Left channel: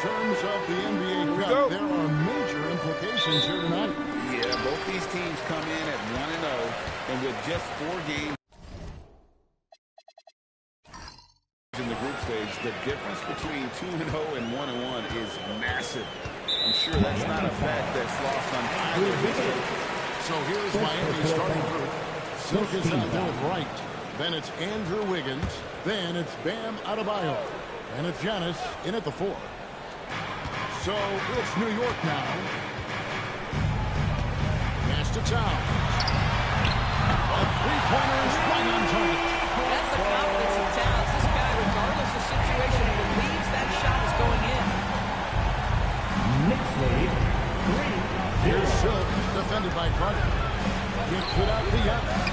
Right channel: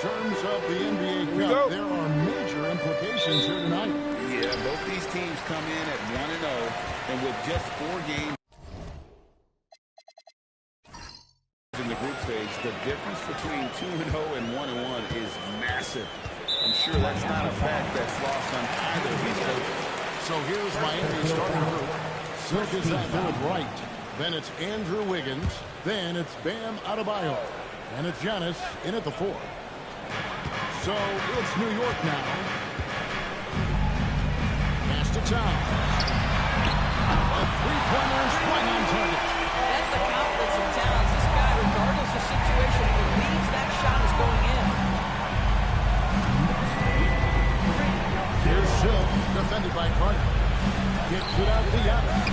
terms of the NBA Cup, there are major implications here tonight. Yeah, both these teams come in at 1-0, and with just 4 games in the group stage, the difference between 2-0 and 1-1 is massive. I'm sure that's not a fact that's lost on either of these coaches. So here's Miami's starting group. Silk is out there with Wright. Then it's Andrew Wiggins. Then it's Bam Adebayo. And it's Giannis in at the 4. So it's New York now. Pass to Towns. A three-pointer is right on target. That's the confidence of Towns. This guy, regardless of situation, believes that shot is going in. Here's Silk, defended by Carter. Gets it out to Giannis.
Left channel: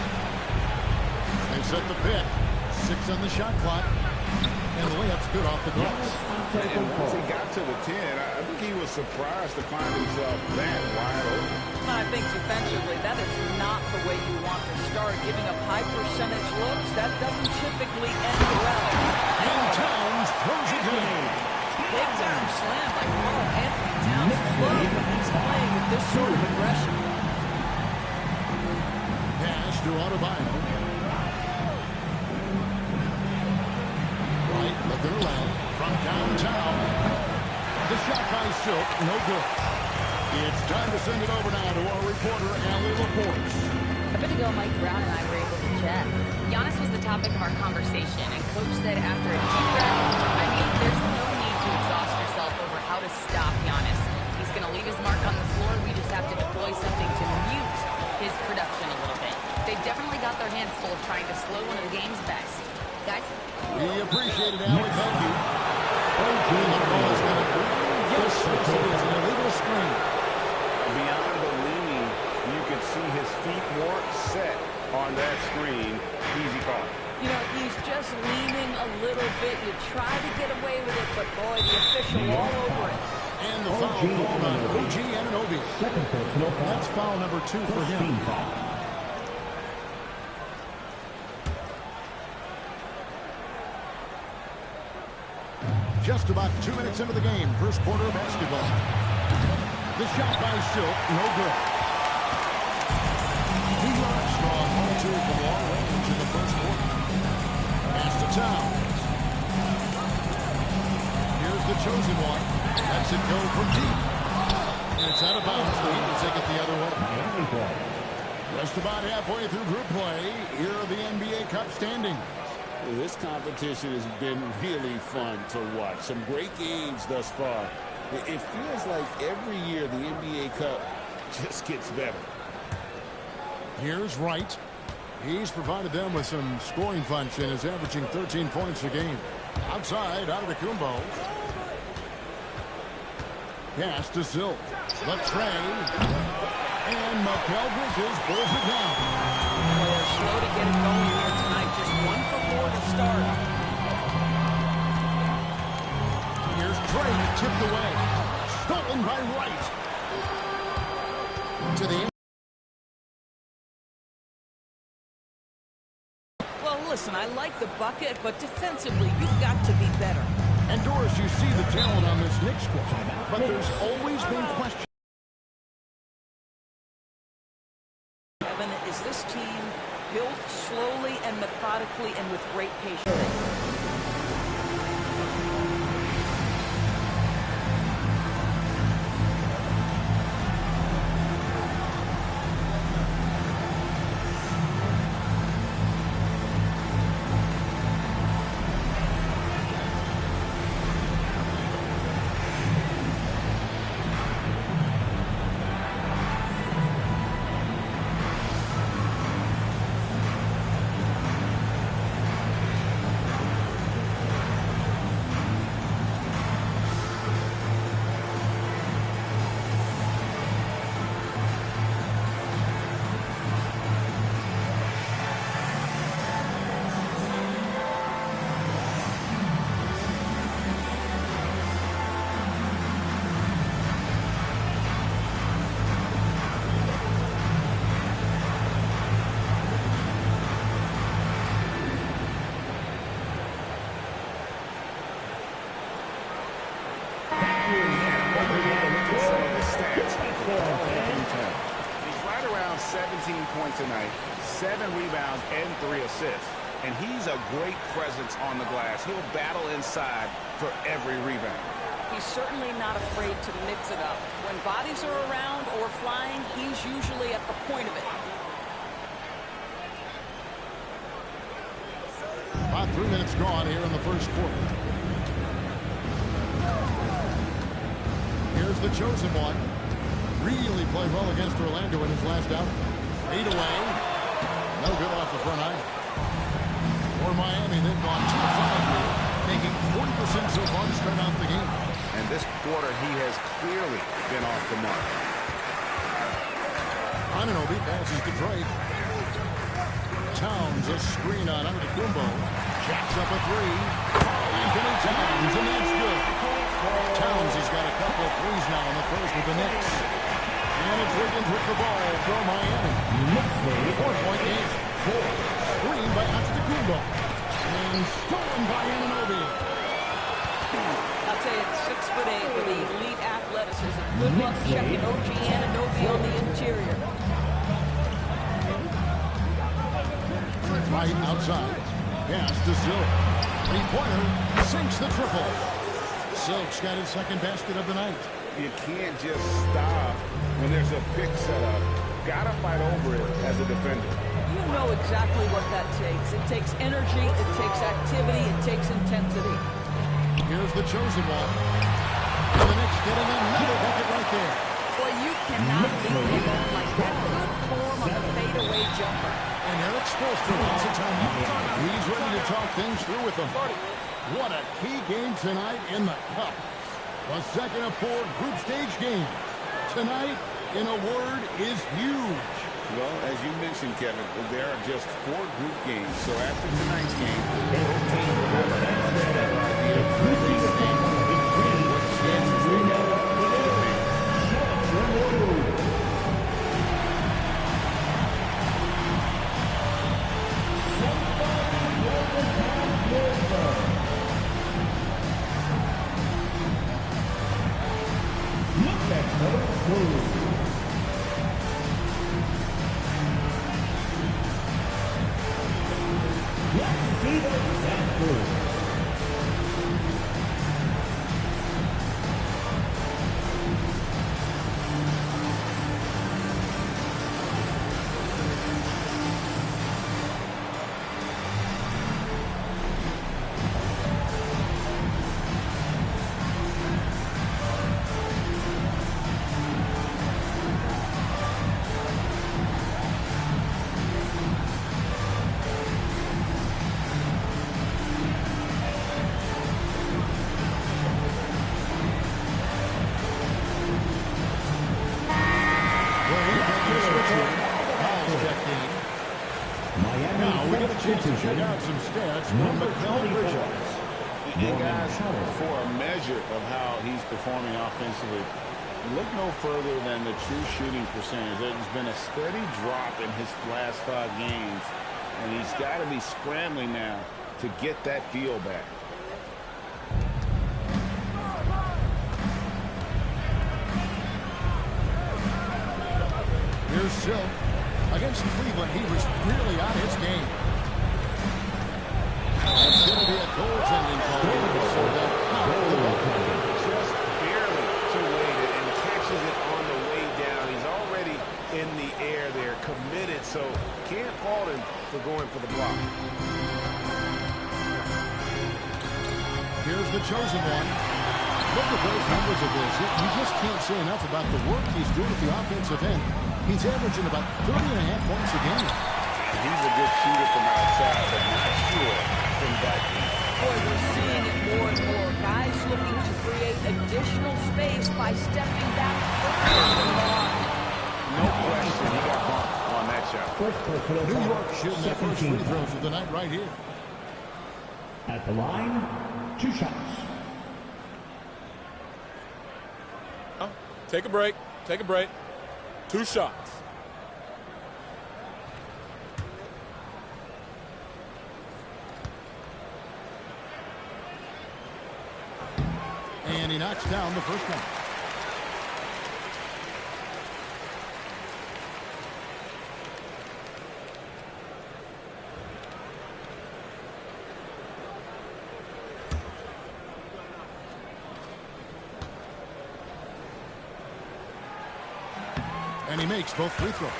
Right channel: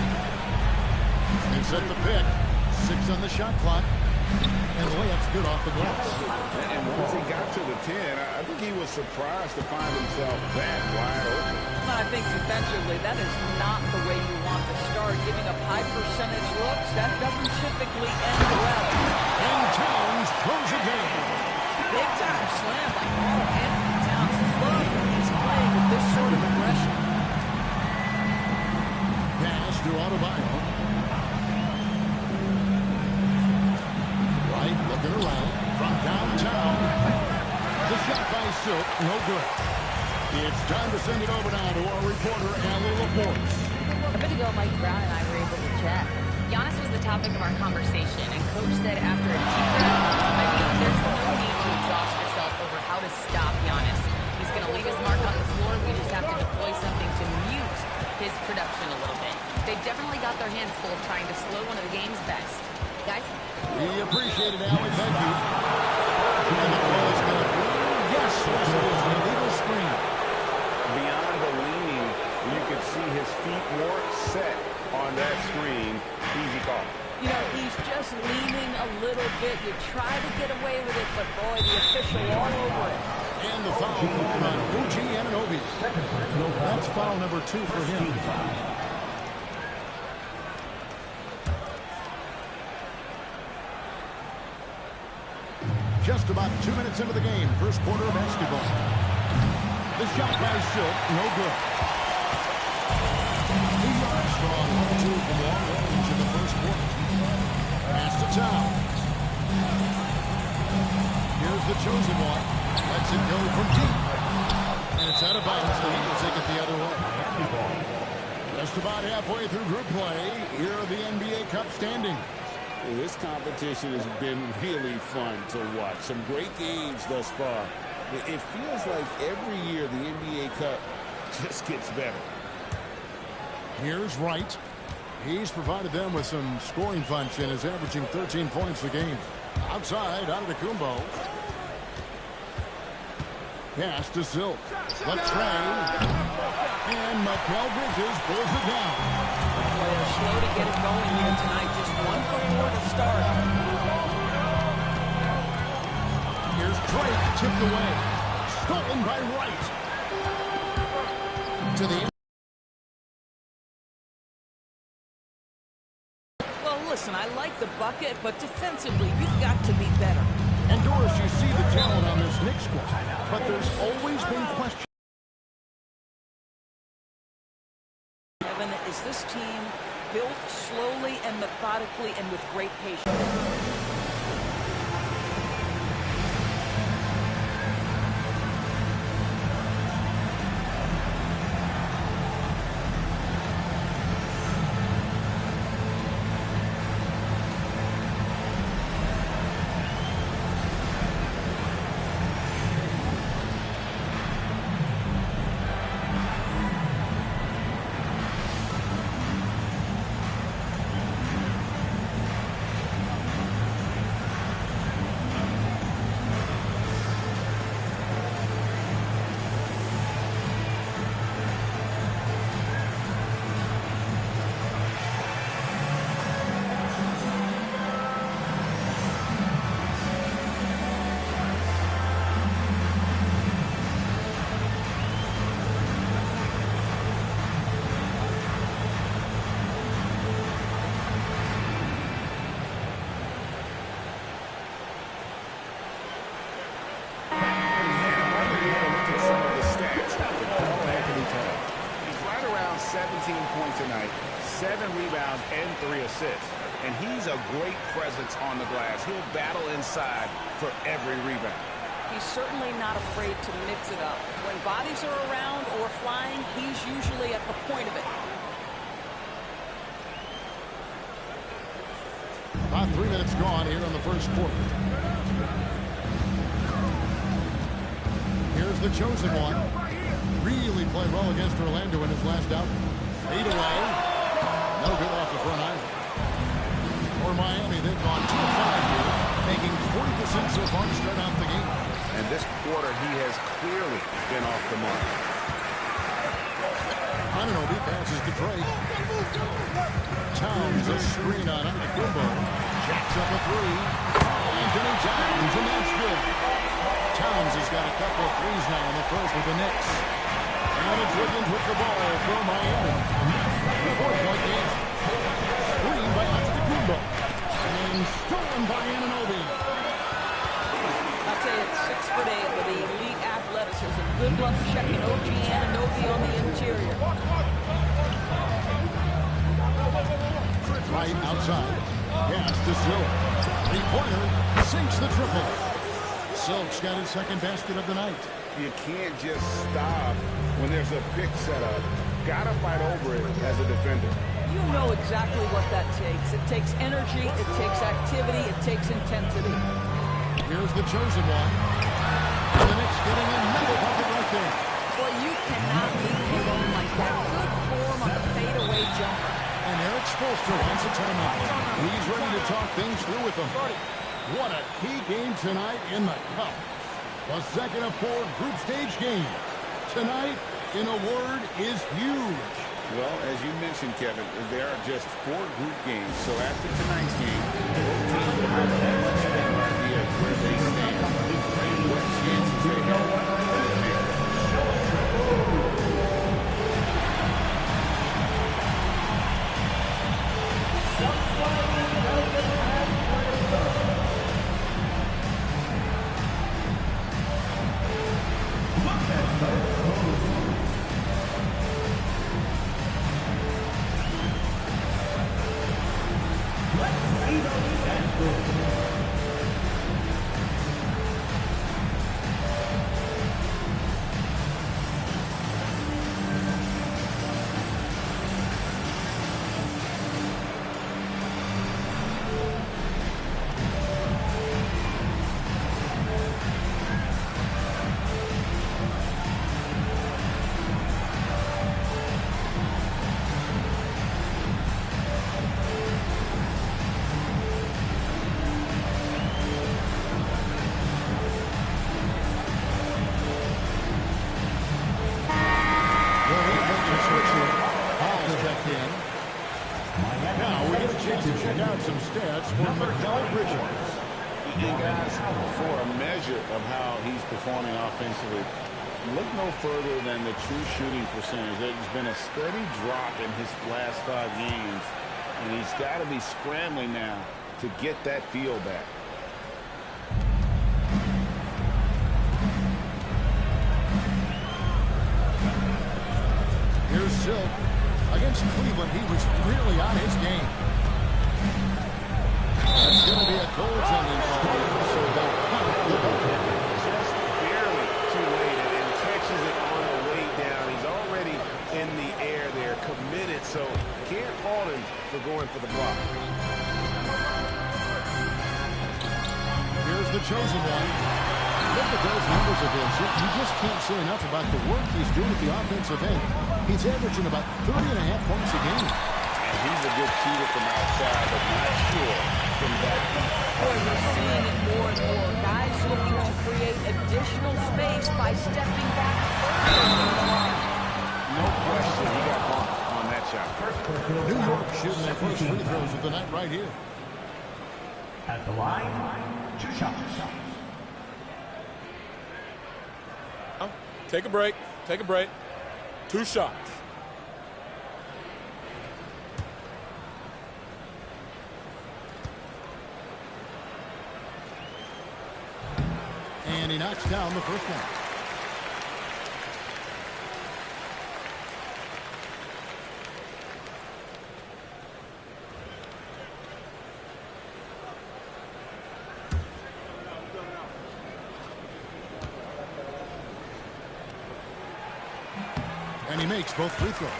They set the pick. 6 on the shot clock. And the layup's good off the glass. And once he got to the 10, I think he was surprised to find himself that wide open. Well, I think defensively, that is not the way you want to start. Giving up high percentage looks, that doesn't typically end well. And Towns throws it down. Big time slam by Karl Anthony Towns. Love when he's playing with this sort of aggression. Pass to Adebayo. Right, looking around from downtown. The shot by Silk, no good. It's time to send it over now to our reporter, Allie LaForce. A bit ago, Mike Brown and I were able to chat. Giannis was the topic of our conversation, and Coach said after a deep breath, there's no need to exhaust yourself over how to stop Giannis. He's going to leave his mark on the floor. We just have to deploy something to mute his production a little bit. They've definitely got their hands full trying to slow one of the game's best. Guys? We appreciate it, Allie. Thank you. And the call is going to be, yes, it is, an illegal screen. Beyond the leaning, you could see his feet more set on that screen. Easy call. You know, he's just leaning a little bit. You try to get away with it, but boy, the official all over it. And the foul called on OG Anunoby. That's foul number 2 for him. Just about 2 minutes into the game, first quarter of basketball. The shot by Silk, no good. New York strong 1-2 from long range in the first quarter. Pass to Towns. Here's the chosen one. Lets it go from deep. And it's out of bounds. The Heat will take it the other way. Just about halfway through group play. Here are the NBA Cup standings. This competition has been really fun to watch. Some great games thus far. It feels like every year the NBA Cup just gets better. Here's Wright. He's provided them with some scoring punch and is averaging 13 points a game. Outside, Antetokounmpo. Pass to Silk. The tray. And Mikal Bridges pulls it down. Well, they're slow to get it going here tonight. Just 1 for 4 to start. Here's Drake, tipped away. Stolen by Wright. To the Well, listen, I like the bucket, but defensively, you've got to be better. And Doris, you see the talent on this Knicks squad, but there's always been questions. Evan, is this team built slowly and methodically and with great patience? 17 points tonight, 7 rebounds, and 3 assists. And he's a great presence on the glass. He'll battle inside for every rebound. He's certainly not afraid to mix it up. When bodies are around or flying, he's usually at the point of it. About 3 minutes gone here in the first quarter. Here's the chosen one. Really played well against Orlando in his last outing. Fade away. No good off the front iron. For Miami, they've gone 2 of 5 here, making 40% so far to start out the game. And this quarter, he has clearly been off the mark. Anunoby passes to Drake. Towns a screen on Antetokounmpo. Jacks up a 3. Karl-Anthony Towns, and that's good. Towns has got a couple of threes now in the first with the Knicks. And it's Wiggins with the ball for Miami. 4-point game. Screen by Antetokounmpo. And stolen by Anunoby. I'll tell you, it's 6'8" with elite athleticism. Good luck checking OG Anunoby on the interior. Right outside. Pass to Silk. 3-pointer. Sinks the triple. Silk's got his second basket of the night. You can't just stop when there's a pick set up. Gotta fight over it as a defender. You know exactly what that takes. It takes energy, it takes activity, it takes intensity. Here's the chosen one. And the Knicks getting another bucket right there. Boy, you cannot leave him alone like that. Good form on the fadeaway jumper. And Eric Spoelstra wants a timeout. He's ready to talk things through with them. What a key game tonight in the Cup. The second of 4 group stage games. Tonight, in a word, is huge. Well, as you mentioned, Kevin, there are just 4 group games. So after tonight's game, both teams will have a much better idea of where they stand and what chances they have to advance. Look at those moves. Let's see them dance through. Now we get a chance to check out some stats for Mikal Bridges. And guys, for a measure of how he's performing offensively, look no further than the true shooting percentage. There's been a steady drop in his last 5 games, and he's got to be scrambling now to get that feel back. Here's Silk. Against Cleveland, he was really on his game. It's going to be a goaltending call here, so they'll count the bucket. Just barely too late and catches it on the way down. He's already in the air there, committed, so can't fault him for going for the block. Here's the chosen one. Look at those numbers of his. You just can't say enough about the work he's doing at the offensive end. He's averaging about 30.5 points a game. And he's a good shooter from outside, but not sure from that deep. Boy, we're seeing it more and more. Guys looking to create additional space by stepping back further from the line. No question, he got bumped on that shot. New York shooting their first free throws of the night right here. At the line, 2 shots. Take a break. Take a break. 2 shots. And he knocks down the first one. And he makes both free throws.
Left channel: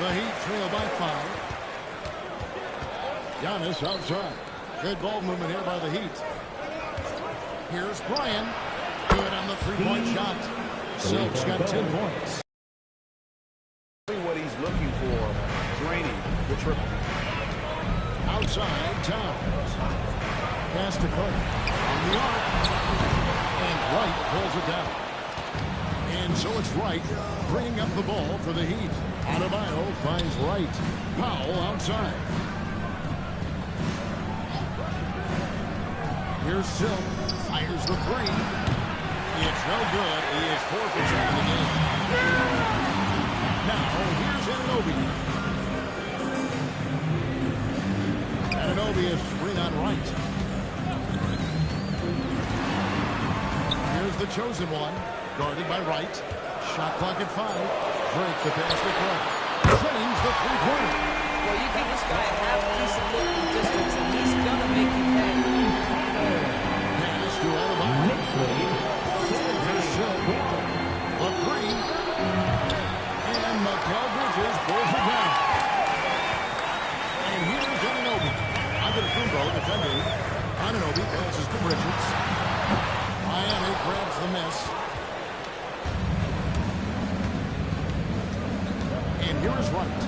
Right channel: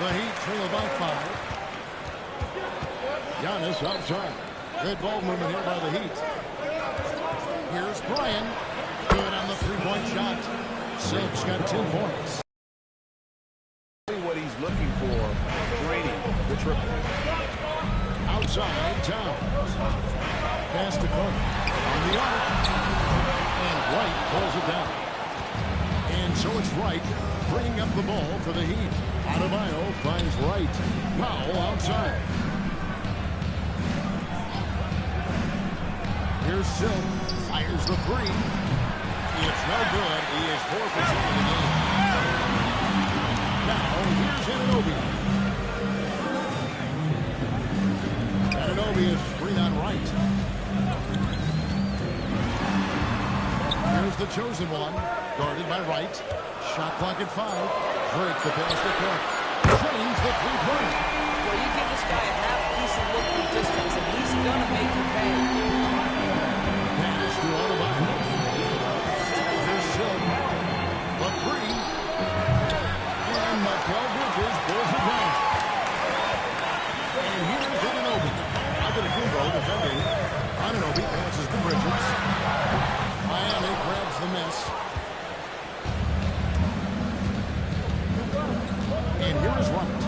The Heat trail by 5. Giannis outside. Good ball movement here by the Heat. Here's Bryan. Good on the three-point shot. Silk's got 10 points. What he's looking for, draining the triple. Outside, Towns. Pass to Carter. From the arc. And Wright pulls it down. And so it's Wright bringing up the ball for the Heat. Adebayo finds Wright. Powell outside. Here's Silk. Fires the three. It's no good. He is 4 for 10 in the game. Now, here's Anunoby. Anunoby is screen on Wright. Here's the chosen one. Guarded by Wright. Shot clock at 5. Drake the pass to Cook. Trains the three-pointer. Well, you give this guy a half-decent look from distance, and he's going to make you pay. Pass to Adebayo. Here's Silk. The three. And Mikal Bridges pulls it down. And here's Anunoby. Antetokounmpo defending. Anunoby passes to Bridges. Miami grabs the miss. And here is Wright.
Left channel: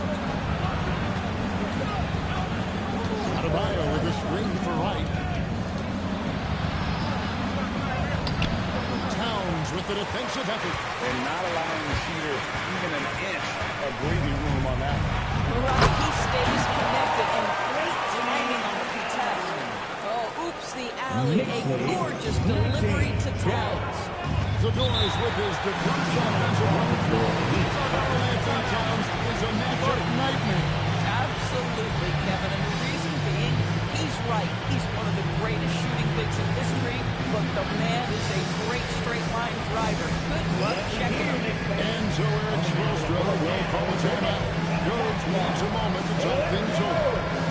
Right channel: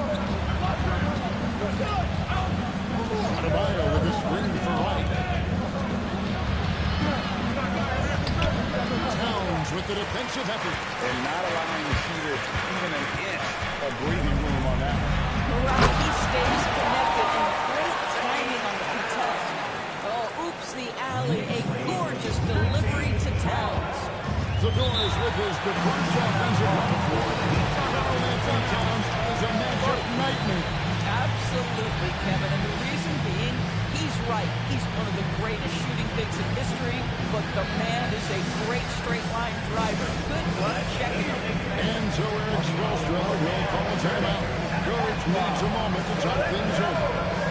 Adebayo with a screen for Wright. Towns with the defensive effort. And not allowing the shooter even an inch of breathing room on that one. Right, he stays connected, and great timing on the contest. Oh, oops, the alley. A gorgeous delivery to Towns. Zador's with his diverse offensive repertoire. Karl Anthony Towns is a matchup nightmare. Absolutely, Kevin. And the reason being, he's right. He's one of the greatest shooting bigs in history, but the man is a great straight-line driver. Good luck checking him. And so Eric Spoelstra will call a timeout. Coach needs a moment to talk things over.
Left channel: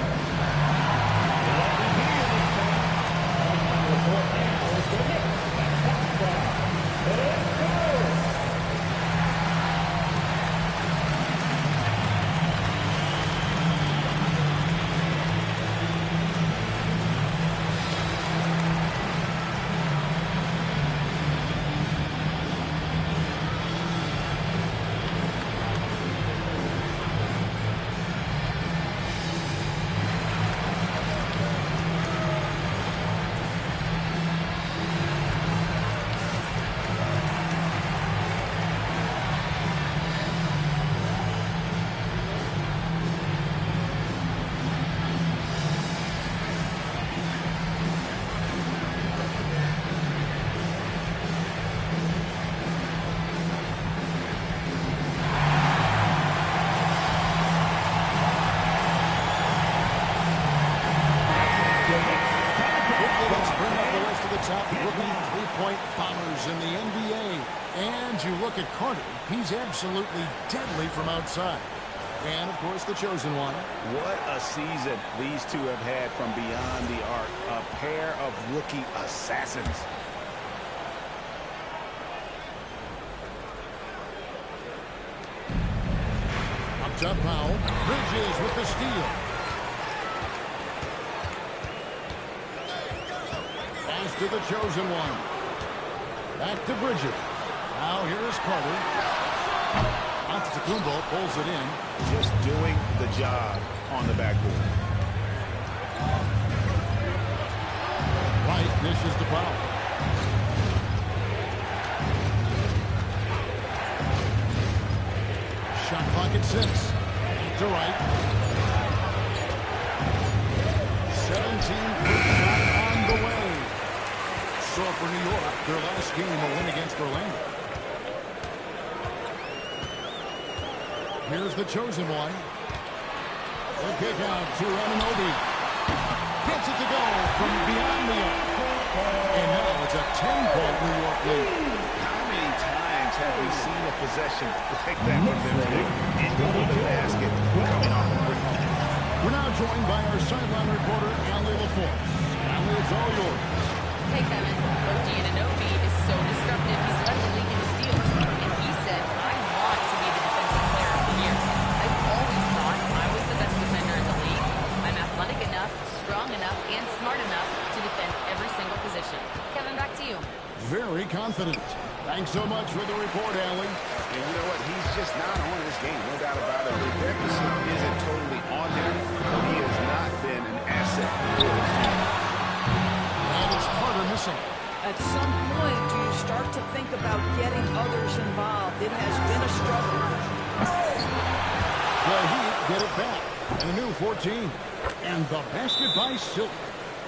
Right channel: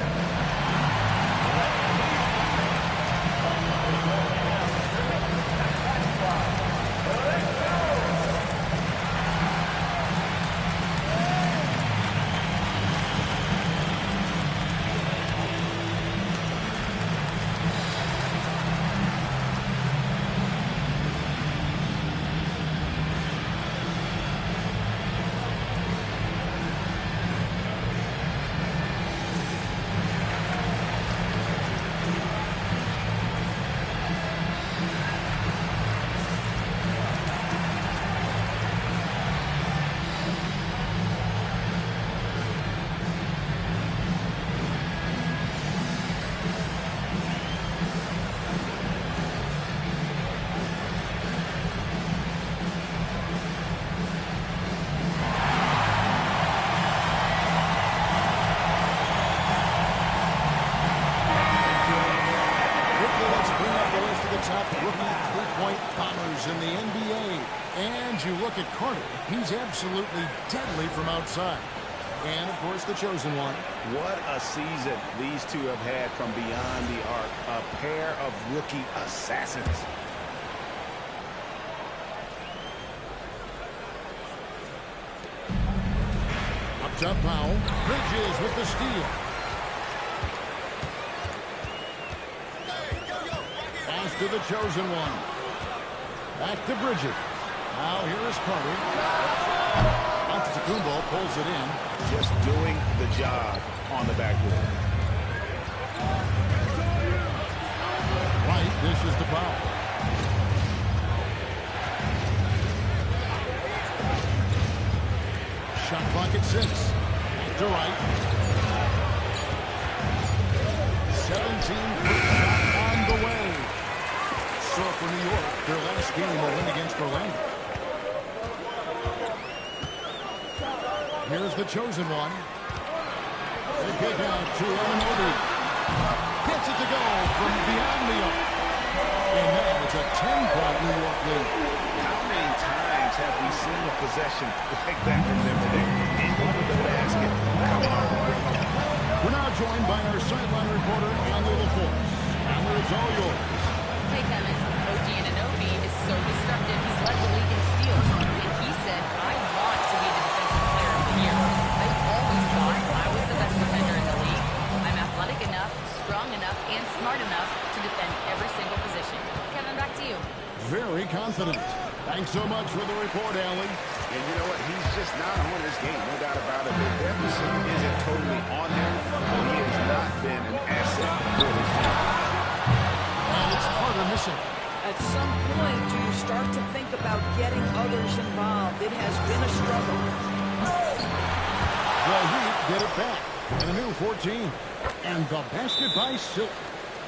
Top rookie three-point bombers in the NBA. And you look at Carter, he's absolutely deadly from outside. And, of course, the chosen one. What a season these two have had from beyond the arc. A pair of rookie assassins. Up top, Powell. Bridges with the steal. To the chosen one. Back to Bridges. Now here is Carter. Antetokounmpo pulls it in. Just doing the job on the backboard. Wright dishes to Powell. Shot clock at 6. Back to Wright. 17-foot shot on the way. So for New York, their last game a win against Orlando. Here's the chosen one. The kick out to Anunoby. Gets it to go from beyond the arc. And now it's a 10-point New York lead. How many times have we seen a possession like that from them today? Into the basket, coming off a break. We're now joined by our sideline reporter, Allie LaForce. Allie, it's all yours. Hey, Kevin. OG Anunoby is so disruptive. He's led the league in steals. And he said, I want to be the defensive player of the year. I've always thought I was the best defender in the league. I'm athletic enough, strong enough, and smart enough to defend every single position. Kevin, back to you. Very confident. Thanks so much for the report, Allie. And you know what? He's just not on his game, no doubt about it. The deficit isn't totally on him, but he has not been an asset for his team. And it's Carter missing. At some point, do you start to think about getting others involved? It has been a struggle. The Heat get it back. And a new 14. And the basket by Silk.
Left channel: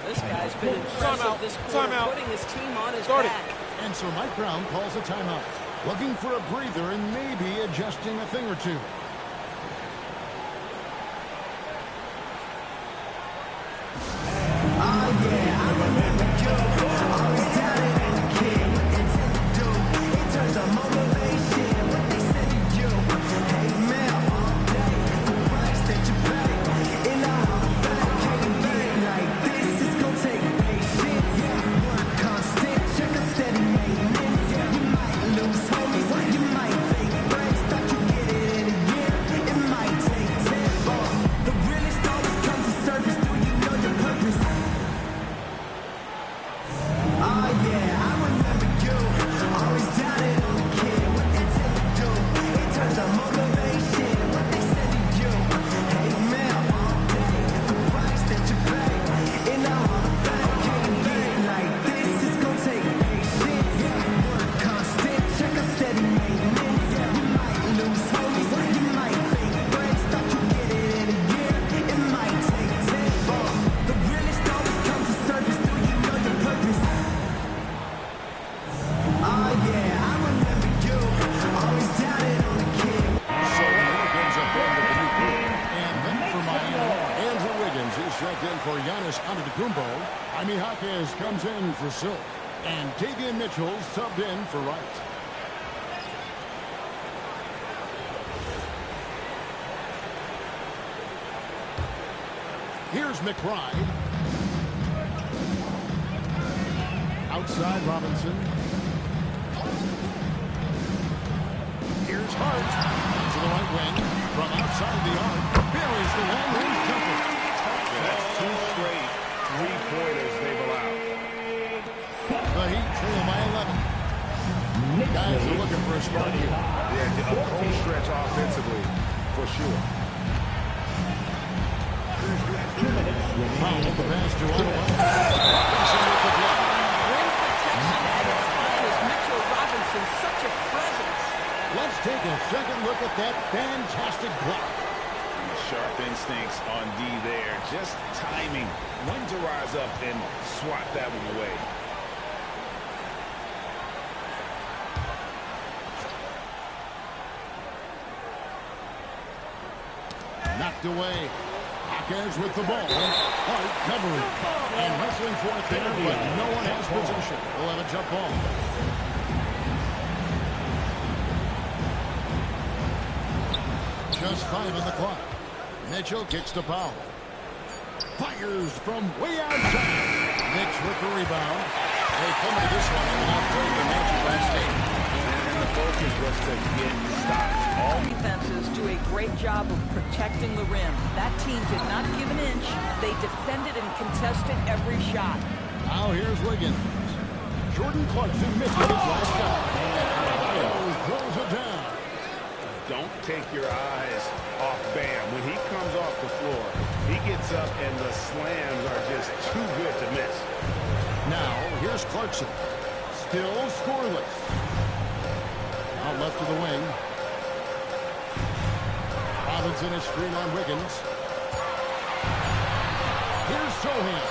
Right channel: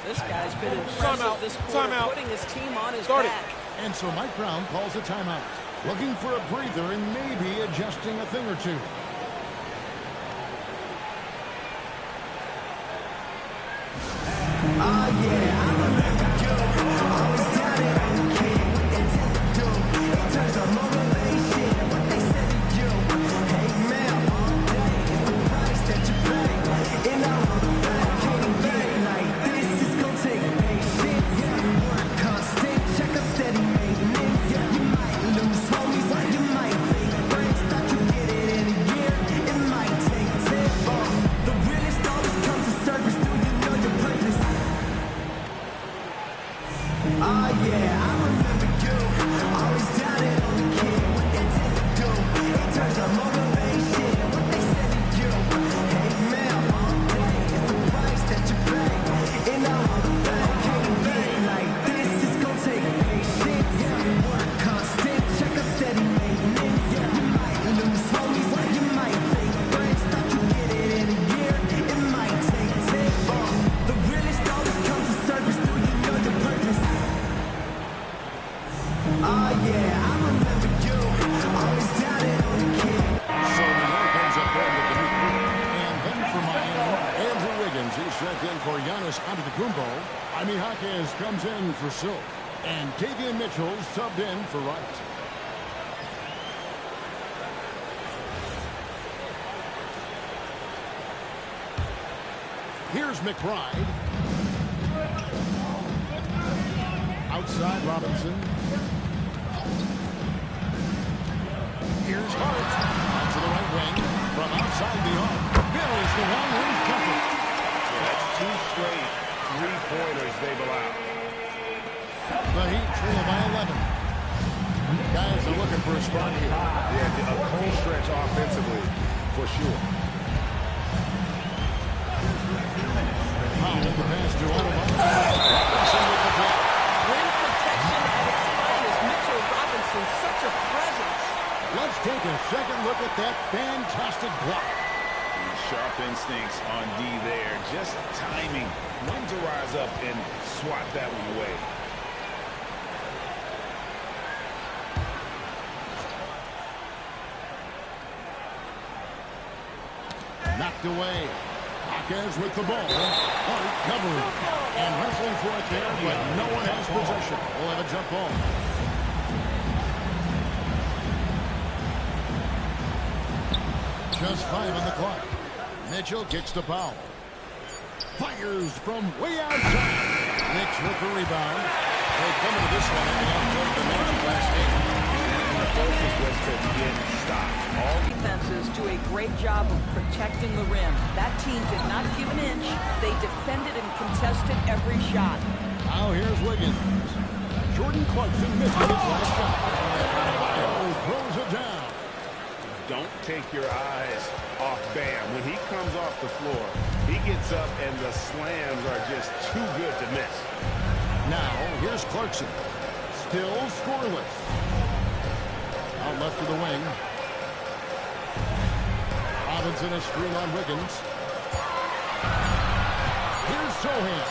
This guy's been impressive this quarter, putting his team on his back. And so Mike Brown calls a timeout. Looking for a breather and maybe adjusting a thing or two. Oh yeah, I remember you. Always doubted on the kid. What they tell you do. It turns on motivation. What they said to you. Hey man, all day. It's the price that you pay. In the Hall of Fame, can't get like this. It's gonna take patience. Work constant. Check up steady maintenance. You might lose homies. You might fake friends. Thought you get it in a year. It might take 10. The realest always comes to surface. Do you know your purpose? Oh yeah, I remember you. Always doubted on the kid. What they tell you do. It turns on motivation. What they said to you. Hey man, all day. It's the price that you pay. In the Hall of Fame, can't get like this. It's gonna take patience. Work constant. Check up steady maintenance. You might lose homies. You might fake friends. Thought you get it in a year. It might take 10. The realest always comes to surface. Do you know your purpose? Oh yeah, I remember you. Always doubted on the kid. So New York ends up going to the new group. And then for Miami, Andrew Wiggins is checked in for Giannis Antetokounmpo. Jaime Jaquez comes in for Silk. And Davion Mitchell subbed in for Wright. Here's McBride. Outside Robinson. Here's Hart. Out to the right wing. From outside the arc. Buries the long-range jumper. Yeah, that's 2 straight three-pointers they've allowed. The Heat trail by 11. Guys are looking for a spark here. Yeah, a cold stretch offensively, for sure. Powell the pass to Adebayo. Robinson with the block. Rim protection at its finest. Mitchell Robinson, such a presence. Let's take a second look at that fantastic block. Sharp instincts on D there. Just timing when to rise up and swat that one away. Knocked away. Jaquez with the ball. Hart covering. And wrestling for it there, but no one has possession. We'll have a jump ball. Just 5 on the clock. Mitchell kicks to Powell. Fires from way outside. Knicks with the rebound. They come into this one having outplayed the Magic last game. And the focus was to get stopped. All Defenses do a great job of protecting the rim. That team did not give an inch. They defended and contested every shot. Now here's Wiggins. Jordan Clarkson misses his last shot. And Adebayo throws it down. Don't take your eyes off Bam. When he comes off the floor, he gets up and the slams are just too good to miss. Now, here's Clarkson. Still scoreless. Out left to the wing. Robinson a screen on Wiggins. Here's Sohan.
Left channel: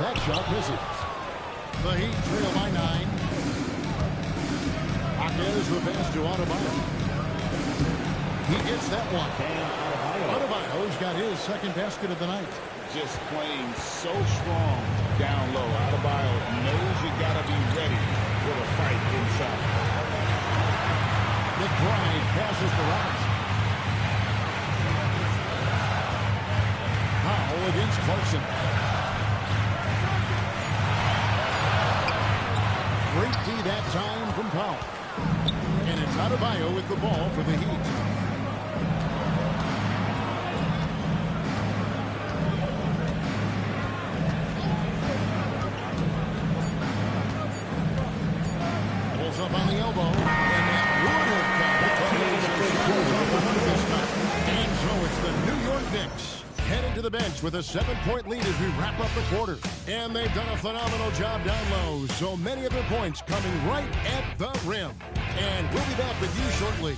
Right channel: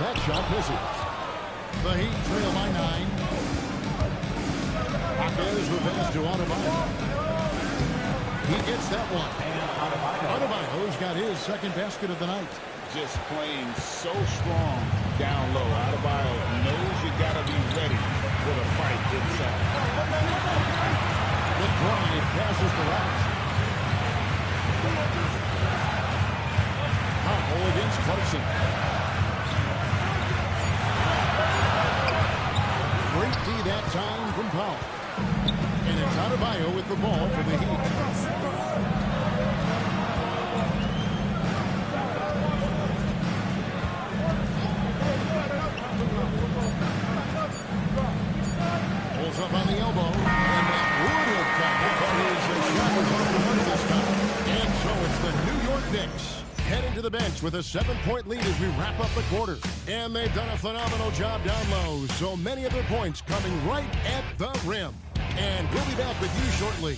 That shot misses. The Heat trail by 9. Jaquez the pass to Adebayo. He gets that one. Adebayo's got his second basket of the night. Just playing so strong down low. Adebayo knows you got to be ready for the fight inside. McBride passes to Robinson. Powell against Clarkson. Great D that time from Powell. And it's Adebayo with the ball for the Heat. Pulls up on the elbow, and that would have counted, but his shot was off the mark this time. And so it's the New York Knicks headed to the bench with a 7-point lead as we wrap up the quarter. And they've done a phenomenal job down low, so many of their points coming right at the rim. And we'll be back with you shortly.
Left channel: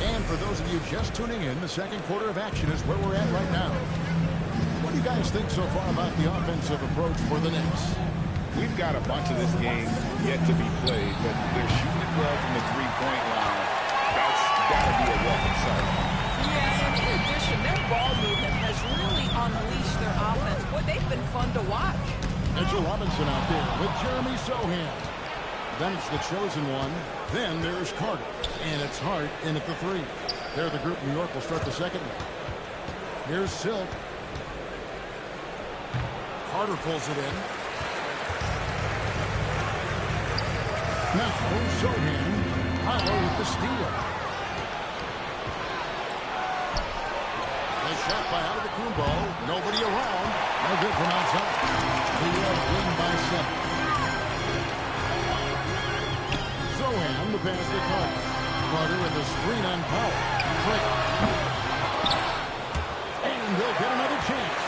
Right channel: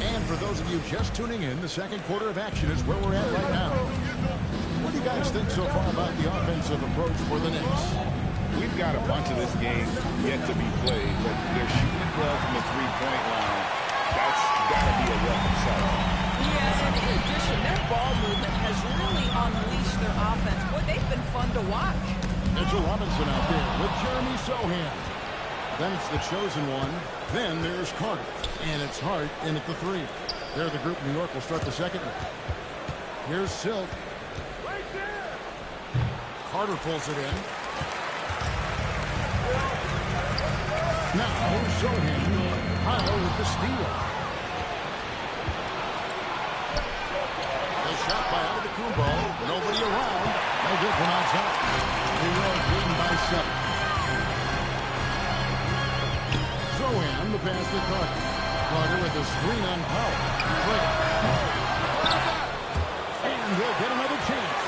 And for those of you just tuning in, the second quarter of action is where we're at right now. What do you guys think so far about the offensive approach for the Knicks? We've got a bunch of this game yet to be played, but they're shooting it well from the three-point line. That's got to be a welcome sight. Yeah, and in addition, their ball movement has really unleashed their offense. Boy, they've been fun to watch. Mitchell Robinson out there with Jeremy Sohan. Then it's the chosen one. Then there's Carter. And it's Hart in at the three. They're the group New York will start the second one. Here's Silk. Carter pulls it in. Now, Sohan. Powell with the steal. The shot by Antetokounmpo. Nobody around. No good from outside. New York leading by 7. Sohan, the pass to Carter. Carter with a screen on Powell. Drake. And they'll get another chance.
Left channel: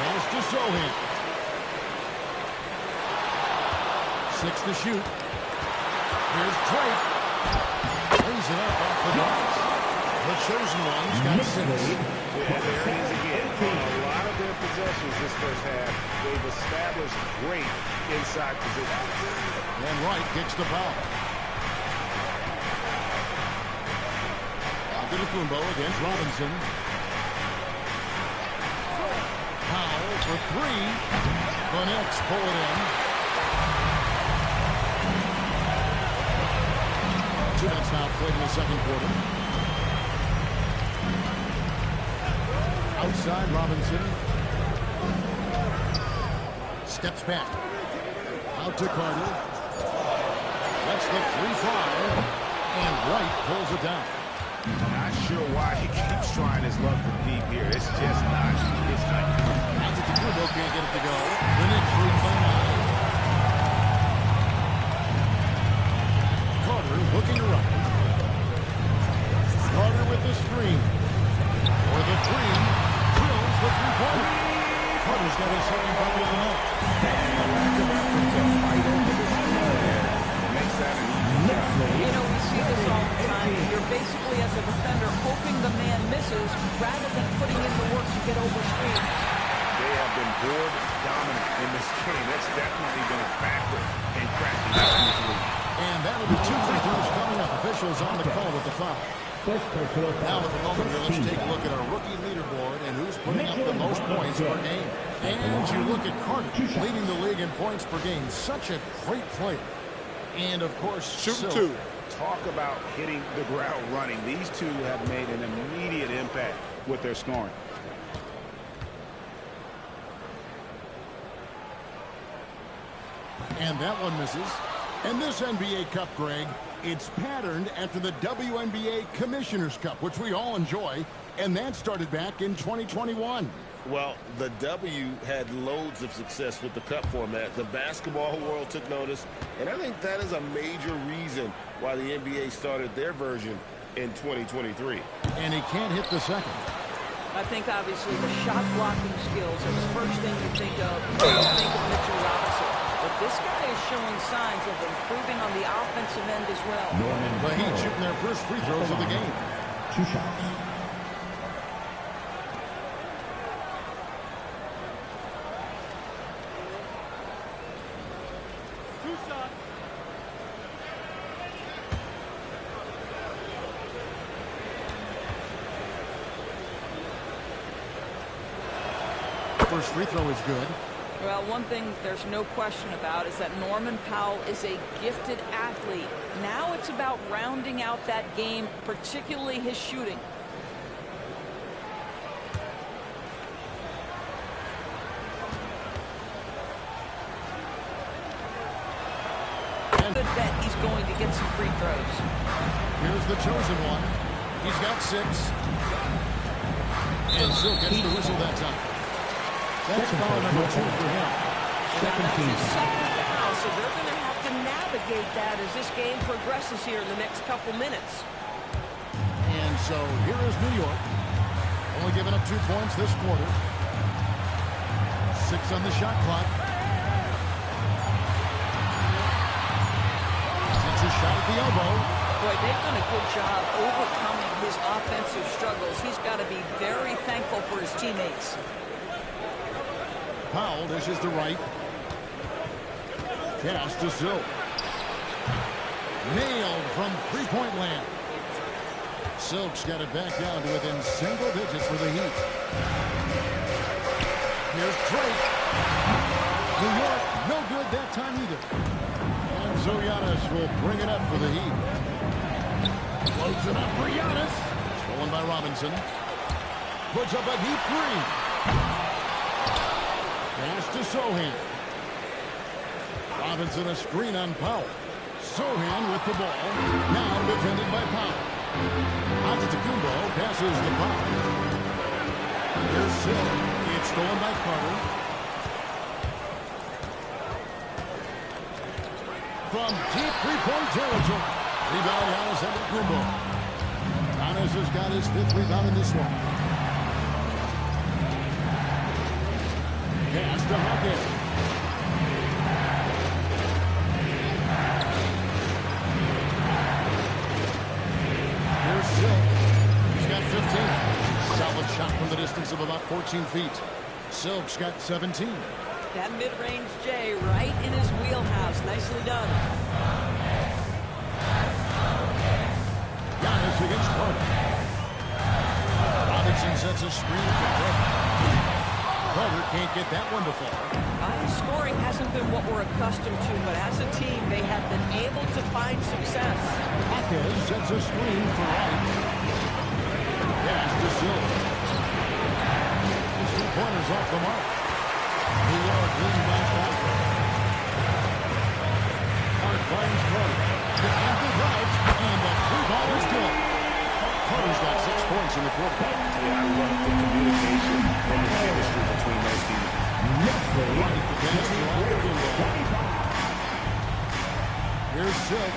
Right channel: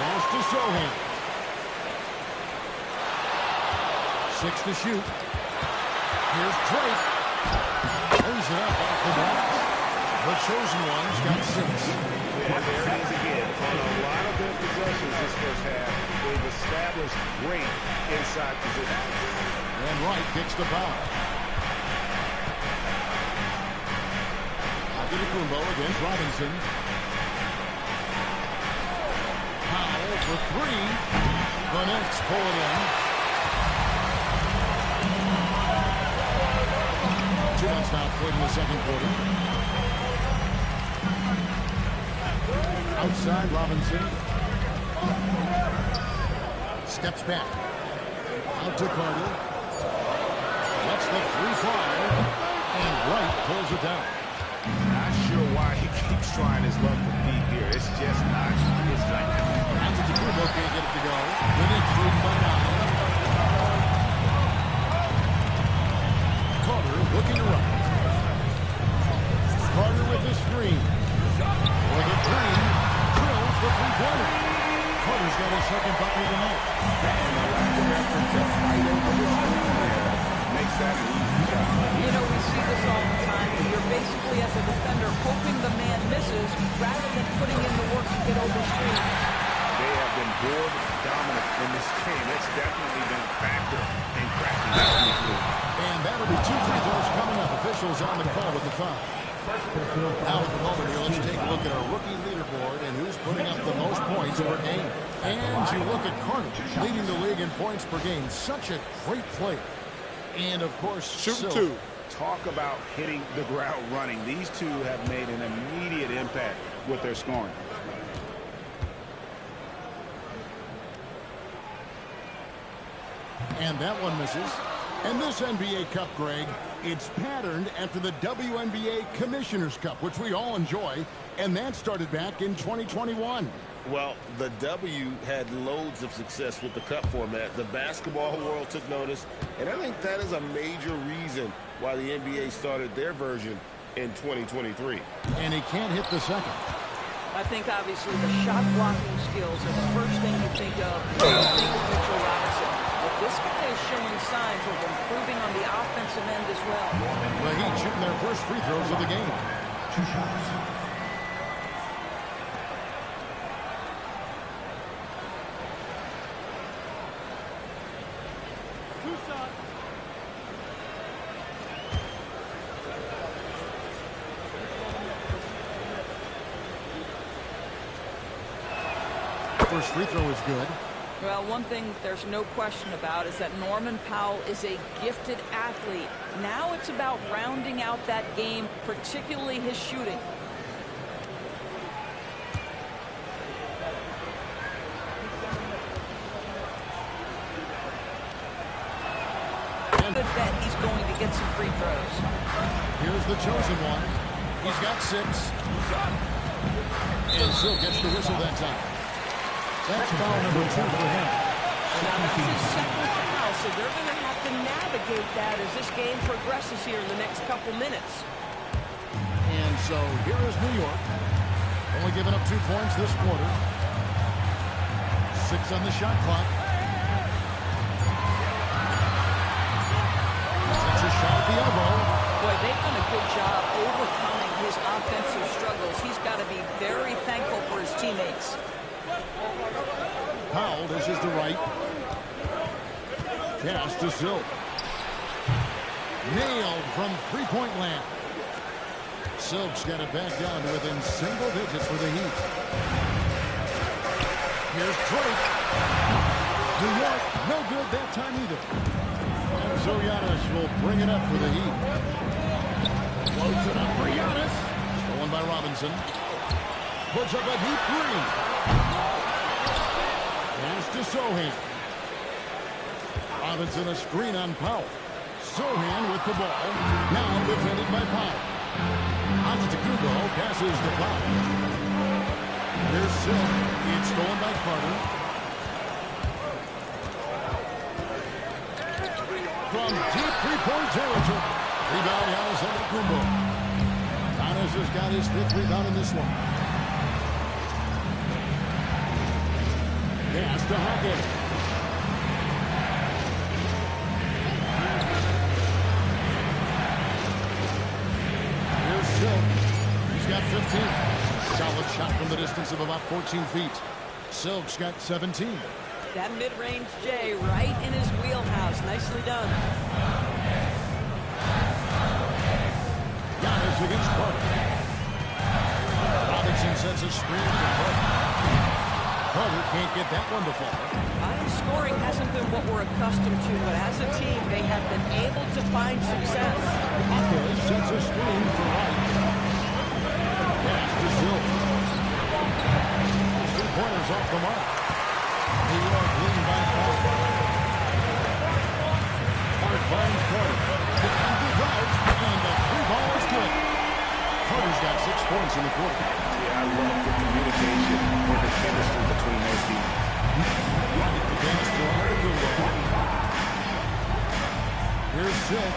Pass to Sohan. 6 to shoot. Here's Drake. Lays it up off the glass. The chosen one's got 6. Yeah, there it is again. On a lot of their possessions this first half, they've established great inside position. And Wright kicks the foul. Antetokounmpo against Robinson. Powell for 3. The Knicks pull it in. 2 minutes now played in the second quarter. Outside Robinson. Steps back. Out to Carter. Lets the 3 fly. And Wright pulls it down. Not sure why he keeps trying his luck from deep here. It's just not his night. Antetokounmpo can't get it to go. The Knicks leading by 9. Carter looking around. Carter with the screen. For the 3. Drills the three-pointer. Carter's got his second bucket of the night. And the lack of effort to fight over the screen there makes that an easy shot. You know, we see this all the time. You're basically, as a defender, hoping the man misses rather than putting in the work to get over screens. They have been board dominant in this game. That's definitely been a factor in cracking this huge lead. And that'll be 2 free throws coming up. Officials on the call with the foul. Now at the moment here, let's take a look at our rookie leaderboard and who's putting up the most points per game. And you look at Carter, leading the league in points per game. Such a great player. And, of course, Shooting 2. Talk about hitting the ground running. These two have made an immediate impact with their scoring. And that one misses. And this NBA Cup, Greg, it's patterned after the WNBA Commissioner's Cup, which we all enjoy, and that started back in 2021. Well, the W had loads of success with the Cup format. The basketball world took notice, and I think that is a major reason why the NBA started their version in 2023. And he can't hit the second. I think, obviously, the shot blocking skills are the first thing you think of when you think of Mitchell Robinson. But this guy is showing signs of improving on the offensive end as well. The Heat shooting their first free throws of the game. 2 shots. First free throw is good. Well, one thing there's no question about is that Norman Powell is a gifted athlete. Now it's about rounding out that game, particularly his shooting. Good bet he's going to get some free throws. Here's the chosen one. He's got 6. And Silk gets the whistle that time. That's foul number 2 for him. Now that's his second foul, so they're going to have to navigate that as this game progresses here in the next couple minutes. And so here is New York. Only giving up 2 points this quarter. 6 on the shot clock. Takes a shot at the elbow. Boy, they've done a good job overcoming his offensive struggles. He's got to be very thankful for his teammates. Powell dishes to right. Pass to Silk. Nailed from three-point land. Silk's got it back down to within single digits for the Heat. Here's Drake. New York, no good that time either. And so Giannis will bring it up for the Heat. Floats it up for Giannis. Stolen by Robinson. Puts up a deep 3. Pass to Sohan. Robinson a screen on Powell. Sohan with the ball. Now defended by Powell. Antetokounmpo passes to Powell. Here's Silk. It's stolen by Carter. From deep three-point territory. Rebound Giannis Antetokounmpo. Giannis has got his 5th rebound in this one. Pass to Hawkins. Here's Silk. He's got 15. Solid shot from the distance of about 14 feet. Silk's got 17. That mid-range J right in his wheelhouse. Nicely done. Giannis against Carter. Robinson sets a screen for Carter. Carter can't get that one to fall. Scoring hasn't been what we're accustomed to, but as a team, they have been able to find success. Hawkins sets a screen for Wright. Pass to Silk. His 3-pointers off the mark. New York leading by 5. Hart finds Carter. The end of route, and the 3-ball is good. Carter's got 6 points in the quarter. Yeah, I love the communication and the chemistry between those teammates. Right the pass to Antetokounmpo. Here's Silk.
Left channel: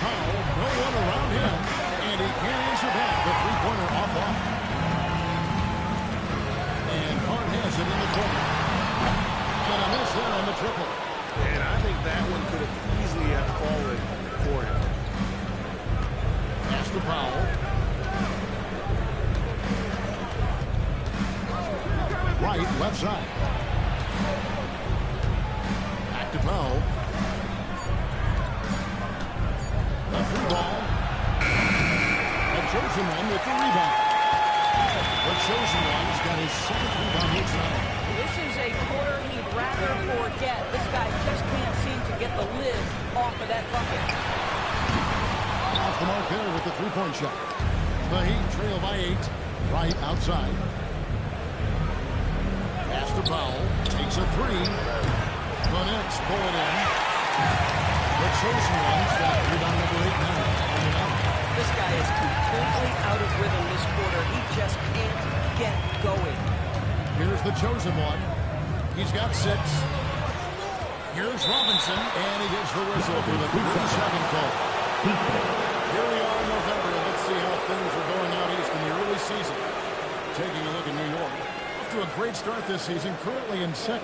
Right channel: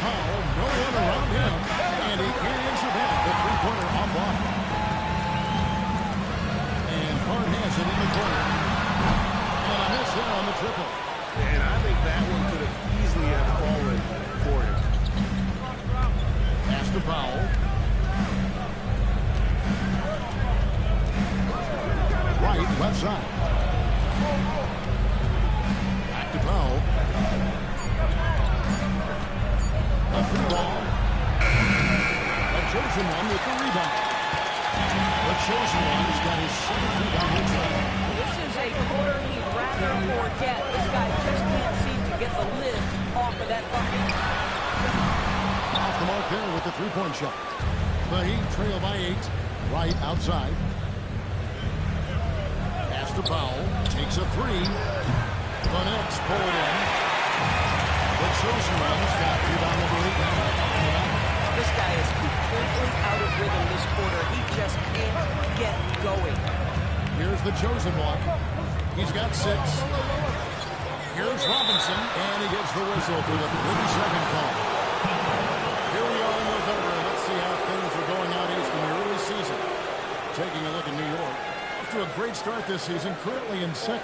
Powell, no one around him, and he can't answer back. The 3-pointer off line. And Hart has it in the corner. And a miss there on the triple. And I think that one could have easily have fallen for him. Pass to Powell. Right, left side. Back to Powell. The 3-ball. The chosen one with the rebound. The chosen one's got his 7th rebound here tonight. This is a quarter he'd rather forget. This guy just can't seem to get the lid off of that bucket. Off the mark there with the 3-point shot. The Heat trail by 8. Right outside. Pass to Powell. Takes a 3. The Knicks pull it in. The chosen one's got rebound number 8 now on the line. This guy is completely out of rhythm this quarter. He just can't get going. Here's the chosen one. He's got 6. Here's Robinson, and he gets the whistle for the 32nd call. Here we are in November. Let's see how things are going out east in the early season. Taking a look at New York. Off to a great start this season, currently in 2nd.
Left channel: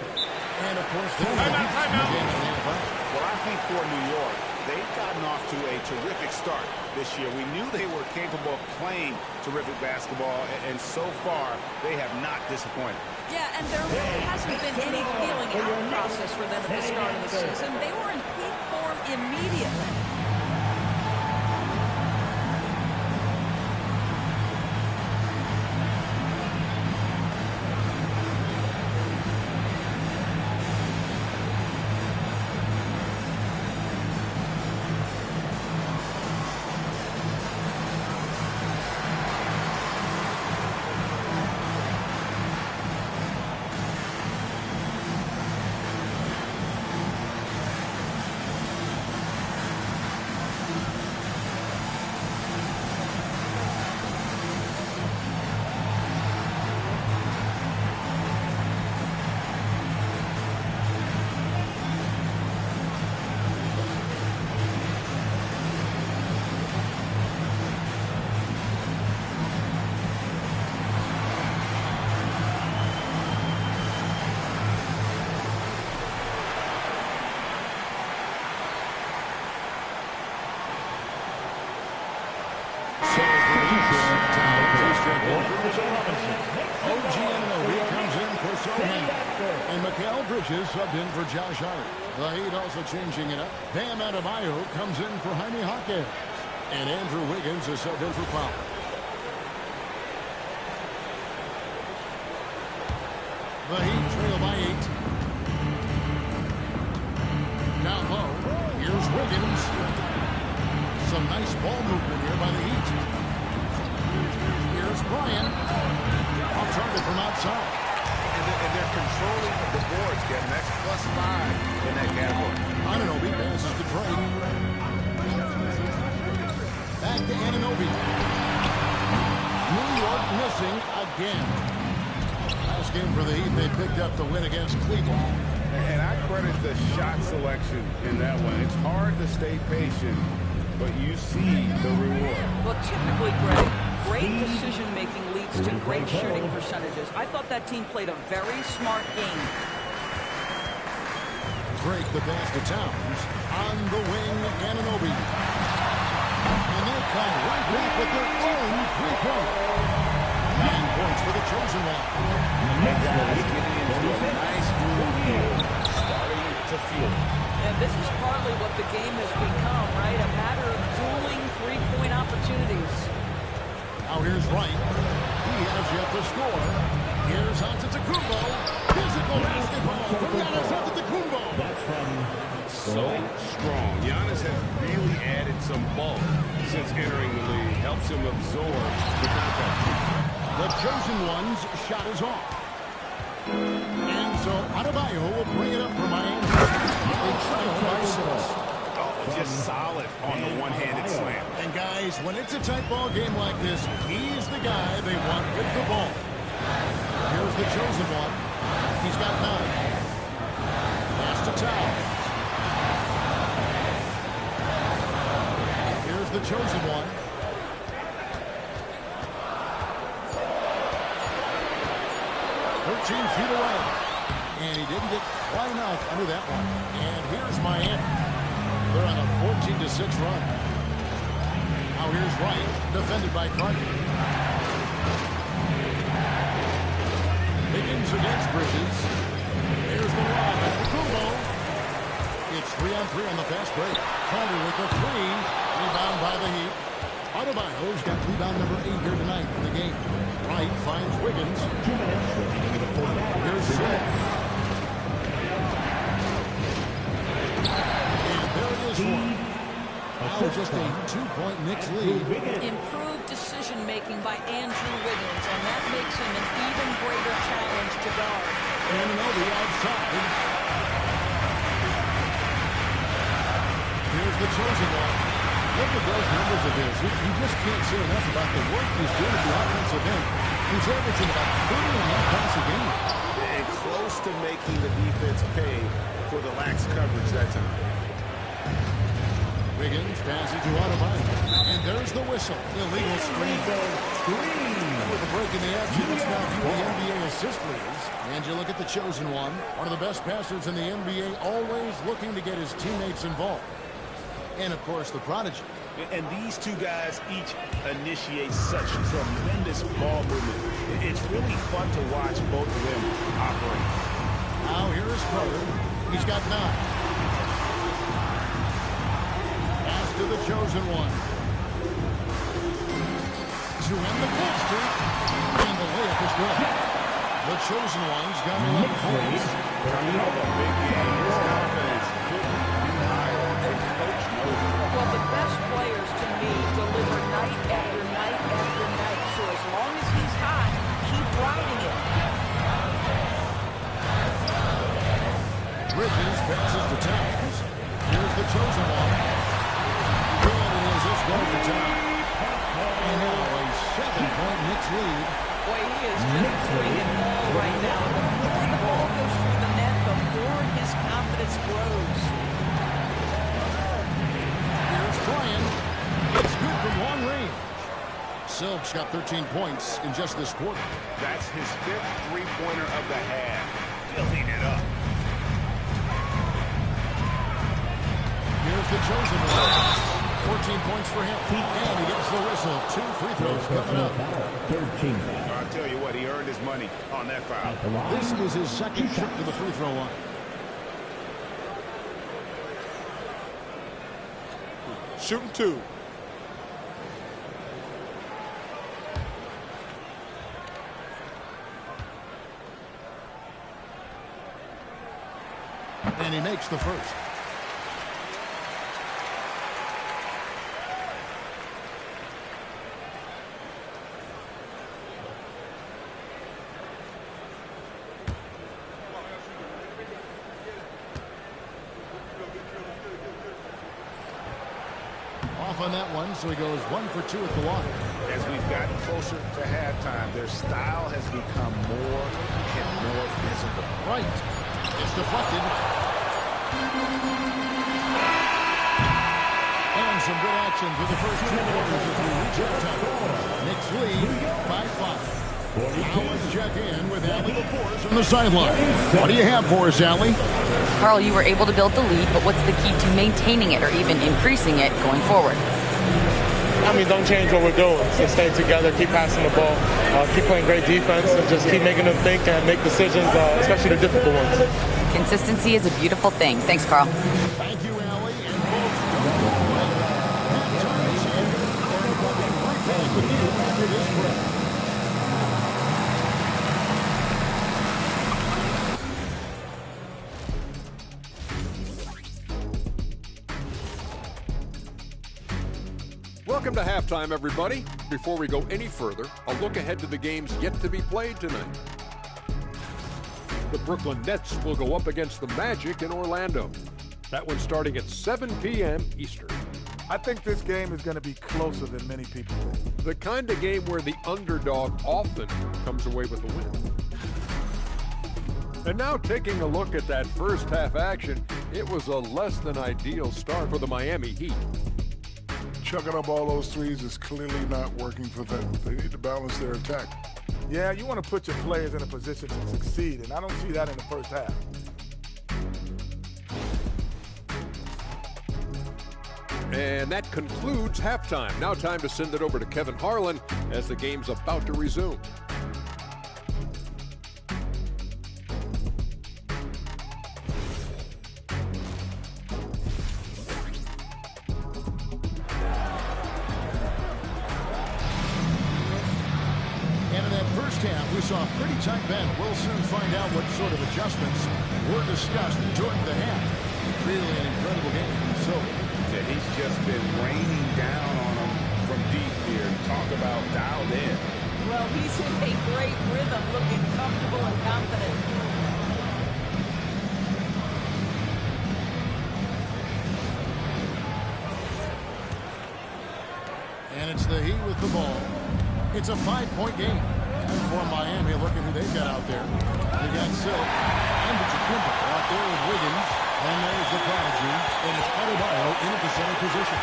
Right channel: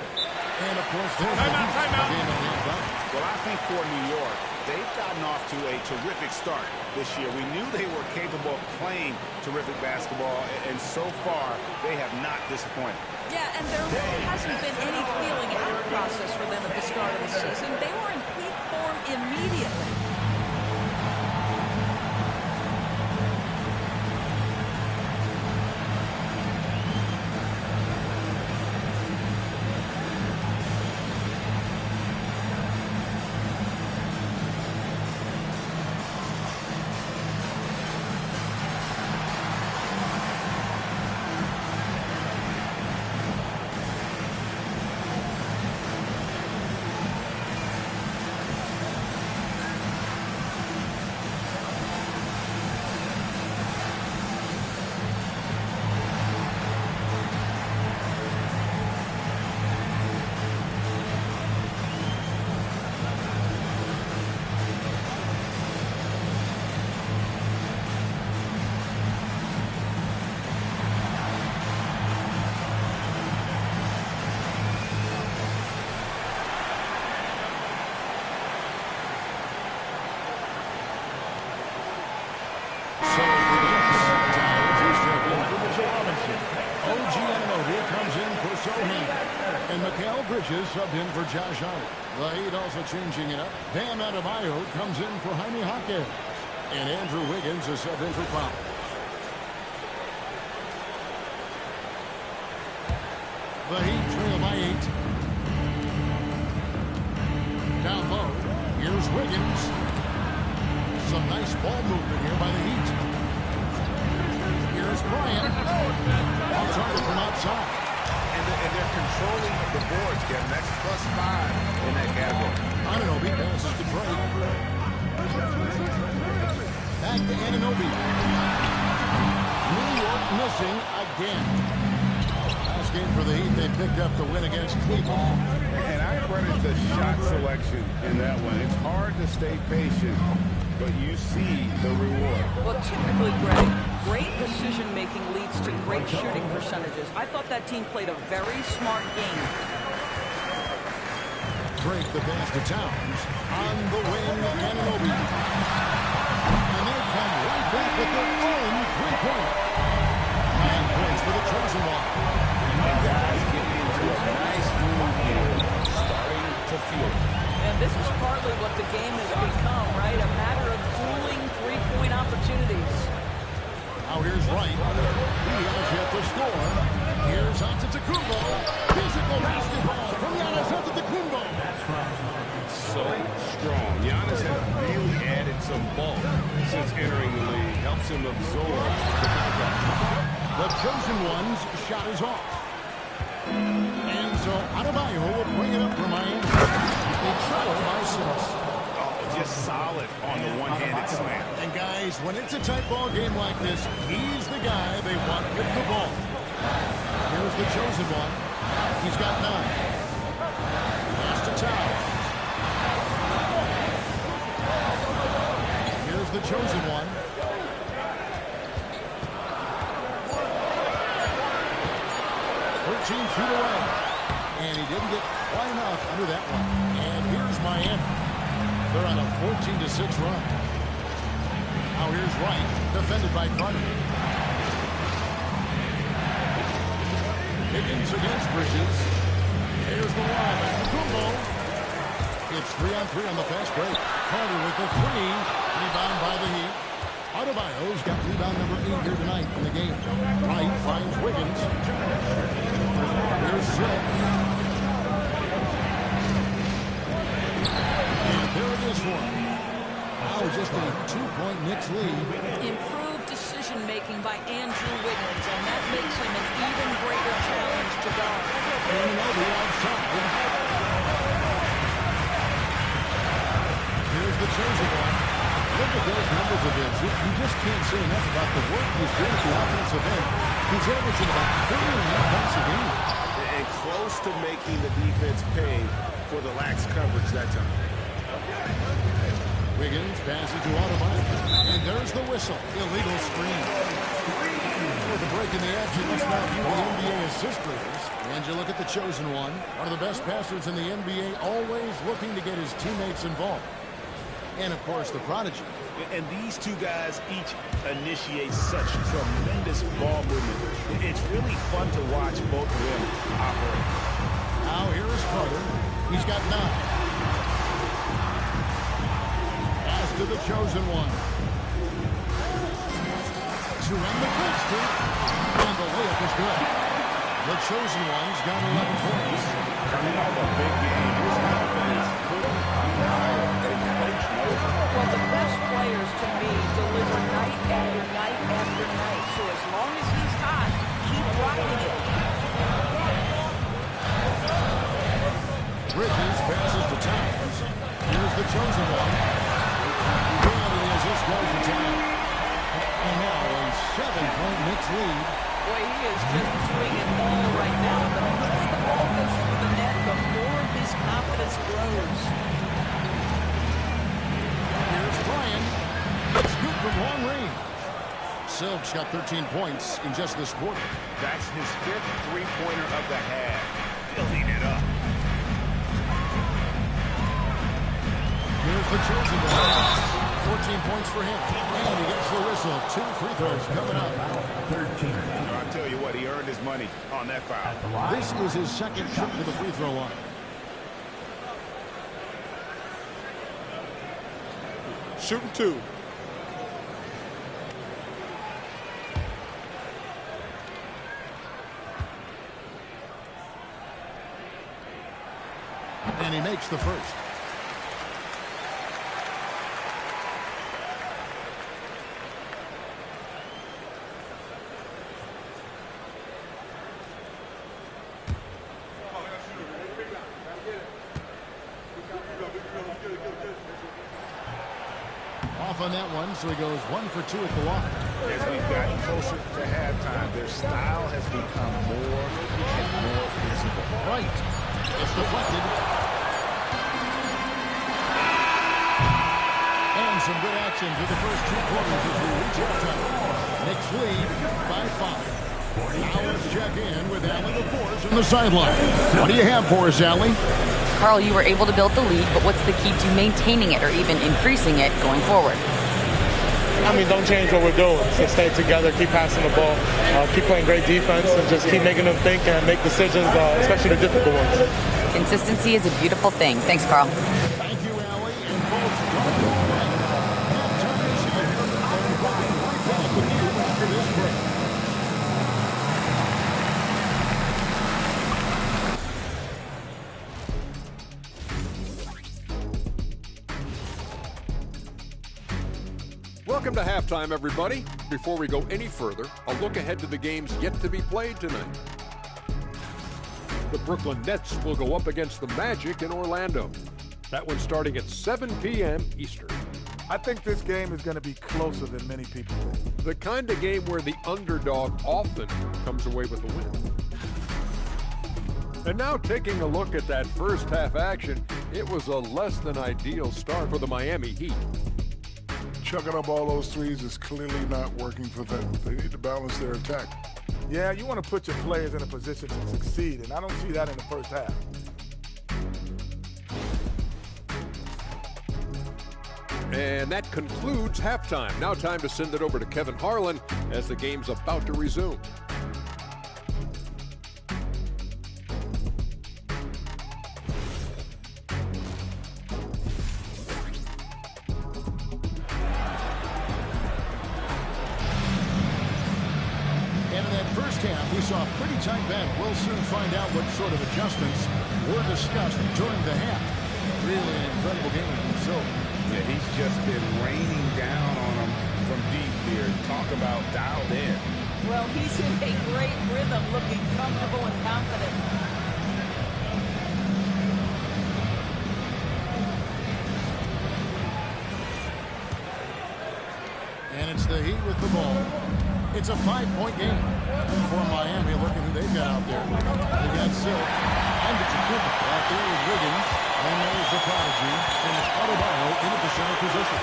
And, of course, there's the game and a half out. Well, I think for New York, they've gotten off to a terrific start this year. We knew they were capable of playing terrific basketball, and so far, they have not disappointed. Yeah, and there really hasn't been any feeling out process for them at the start of the season. They were in peak form immediately. for Mitchell Robinson. OG Anunoby comes in for Sohan. And Mikal Bridges subbed in for Josh Hart. The Heat also changing it up. Bam Adebayo comes in for Jaime Jaquez. And Andrew Wiggins is subbed in for Powell. The Heat trail by 8. Down low. Here's Wiggins. Some nice ball movement here by the Heat. Here's Bryant. Off target from outside. And they're controlling the boards, Kevin. That's +5 in that category. Anunoby passes to Drake. Back to Anunoby. New York missing again. Last game for the Heat, they picked up the win against Cleveland. And I credit the shot selection in that one. It's hard to stay patient, but you see the reward. Well, typically, Greg, great decision-making leads to great shooting percentages. I thought that team played a very smart game. Drake the pass to Towns. On the wing, Anunoby. And they come right back with their own three-pointer. 9 points for the chosen one. And guys getting into a nice groove here, starting to feel it. And this is partly what the game has become, right? A matter of dueling three-point opportunities. Now here's Wright. He has yet to score. Here's Antetokounmpo. Physical basketball from Giannis Antetokounmpo. That's from So strong. Giannis has really added some bulk since entering the league. Helps him absorb the contact. The chosen one's shot is off. And so Adebayo will bring it up for Miami. They trail by 6. Oh, just solid on the one-handed slam. And guys, when it's a tight ball game like this, he's the guy they want with the ball. Here's the chosen one. He's got 9. Pass to Towns. Here's the chosen one. 13 feet away. And he didn't get quite enough under that one. And here's Miami. They're on a 14-6 run. Now here's Wright, defended by Carter. Higgins against Bridges. Here's the lob at Kumbo. It's 3-on-3 on the fast break. Carter with the 3. Rebound by the Heat. Adebayo's got rebound number 8 here tonight in the game. Wright finds Wiggins. Here's Silk. And there it is for him. Now just a 2-point Knicks lead. Improved decision-making by Andrew Wiggins, and that makes him an even greater challenge to guard. Anunoby outside. Here's the chosen one. Look at those numbers of his. You just can't say enough about the work he's doing at the offensive end. He's averaging about 30.5 points a game. And close to making the defense pay for the lax coverage that time. Wiggins passes to Adebayo. And there's the whistle. Illegal screen. With a break in the action, let's now view the NBA assist leaders. And you look at the chosen one. One of the best passers in the NBA, always looking to get his teammates involved. And, of course, the prodigy. And these two guys each initiate such tremendous ball movement. It's really fun to watch both of them operate. Now here is Carter. He's got 9. Pass to the chosen one. To end the goal streak. And the layup is good. The chosen one's got 11 points. Coming off a big game, his confidence couldn't be higher, and coach knows it. Well, the best players, to me, deliver night after night after night. So as long as he's hot, keep riding it. Bridges passes to Towns. Here's the chosen one. Good, and as this goes to Towns. And now a 7-point Knicks lead. Boy, he is just doing it all right now. And the more the ball goes through the net, the more his confidence grows. Here's Bryant. It's good from long range. Silk's got 13 points in just this quarter. That's his 5th three-pointer of the half. Filling it up. Here's the chosen one. 14 points for him. And he gets the whistle. 2 free throws coming up. I'll tell you what, he earned his money on that foul. This is his second trip to the free throw line. Shooting 2. And he makes the first. Off on that one, so he goes 1 for 2 at the line. As we've gotten closer to halftime, their style has become more and more physical. Right. It's deflected. And some good action through the first 2 quarters as we reach halftime. Knicks lead by 5. Now let's check in with Allie LaForce on the sideline. What do you have for us, Allie? Carl, you were able to build the lead, but what's the key to maintaining it or even increasing it going forward? I mean, don't change what we're doing. So stay together, keep passing the ball, keep playing great defense, and just keep making them think and make decisions, especially the difficult ones. Consistency is a beautiful thing. Thanks, Carl. Thank you, Allie. And folks, don't go away. Halftime is here, and we'll be right back with you after this break. Welcome to halftime, everybody. Before we go any further, a look ahead to the games yet to be played tonight. The Brooklyn Nets will go up against the Magic in Orlando. That one's starting at 7 p.m. Eastern. I think this game is going to be closer than many people think. The kind of game where the underdog often comes away with the win. And now taking a look at that first half action, it was a less than ideal start for the Miami Heat. Chucking up all those threes is clearly not working for them. They need to balance their attack. Yeah, you want to put your players in a position to succeed, and I don't see that in the first half. And that concludes halftime. Now time to send it over to Kevin Harlan as the game's about to resume. And in that first half, we saw a pretty tight battle. We'll soon find out what sort of adjustments were discussed during the half. Really an incredible game from Silver. Yeah, he's just been raining down on them from deep here. Talk about dialed in. Well, he's in a great rhythm, looking comfortable and confident. And it's the Heat with the ball. It's a 5-point game. And for Miami, look at who they've got out there. They've got Silk, Antetokounmpo out there with Wiggins. And there's the prodigy. And it's Adebayo in at the center position.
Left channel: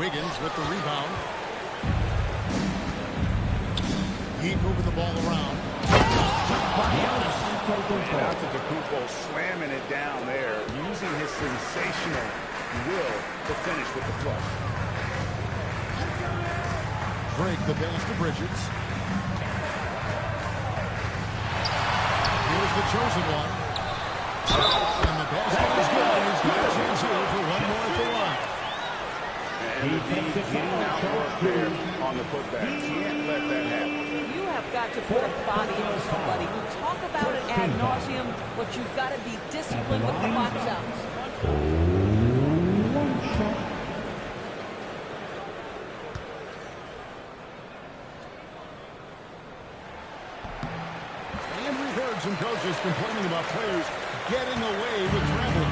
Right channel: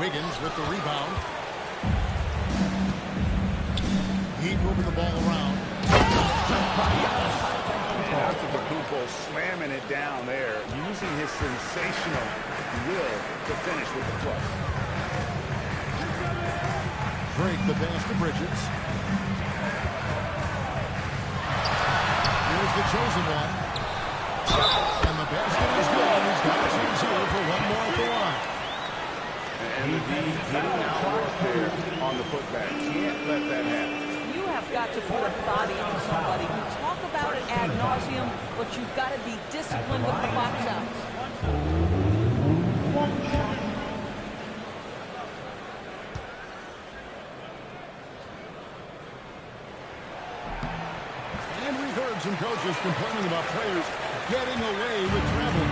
Wiggins with the rebound. Heat moving the ball around. By Giannis. And Antetokounmpo slamming it down there, using his sensational will to finish with the flush. Drake the pass to Bridges. Here's the chosen one. And the basket is good, and he's got a chance here for one more at the line. And the D getting out work there on the putback. Can't let that happen. You have got to put a body on somebody. We talk about it ad nauseum, but you've got to be disciplined with the box outs. Some coaches complaining about players getting away with traveling.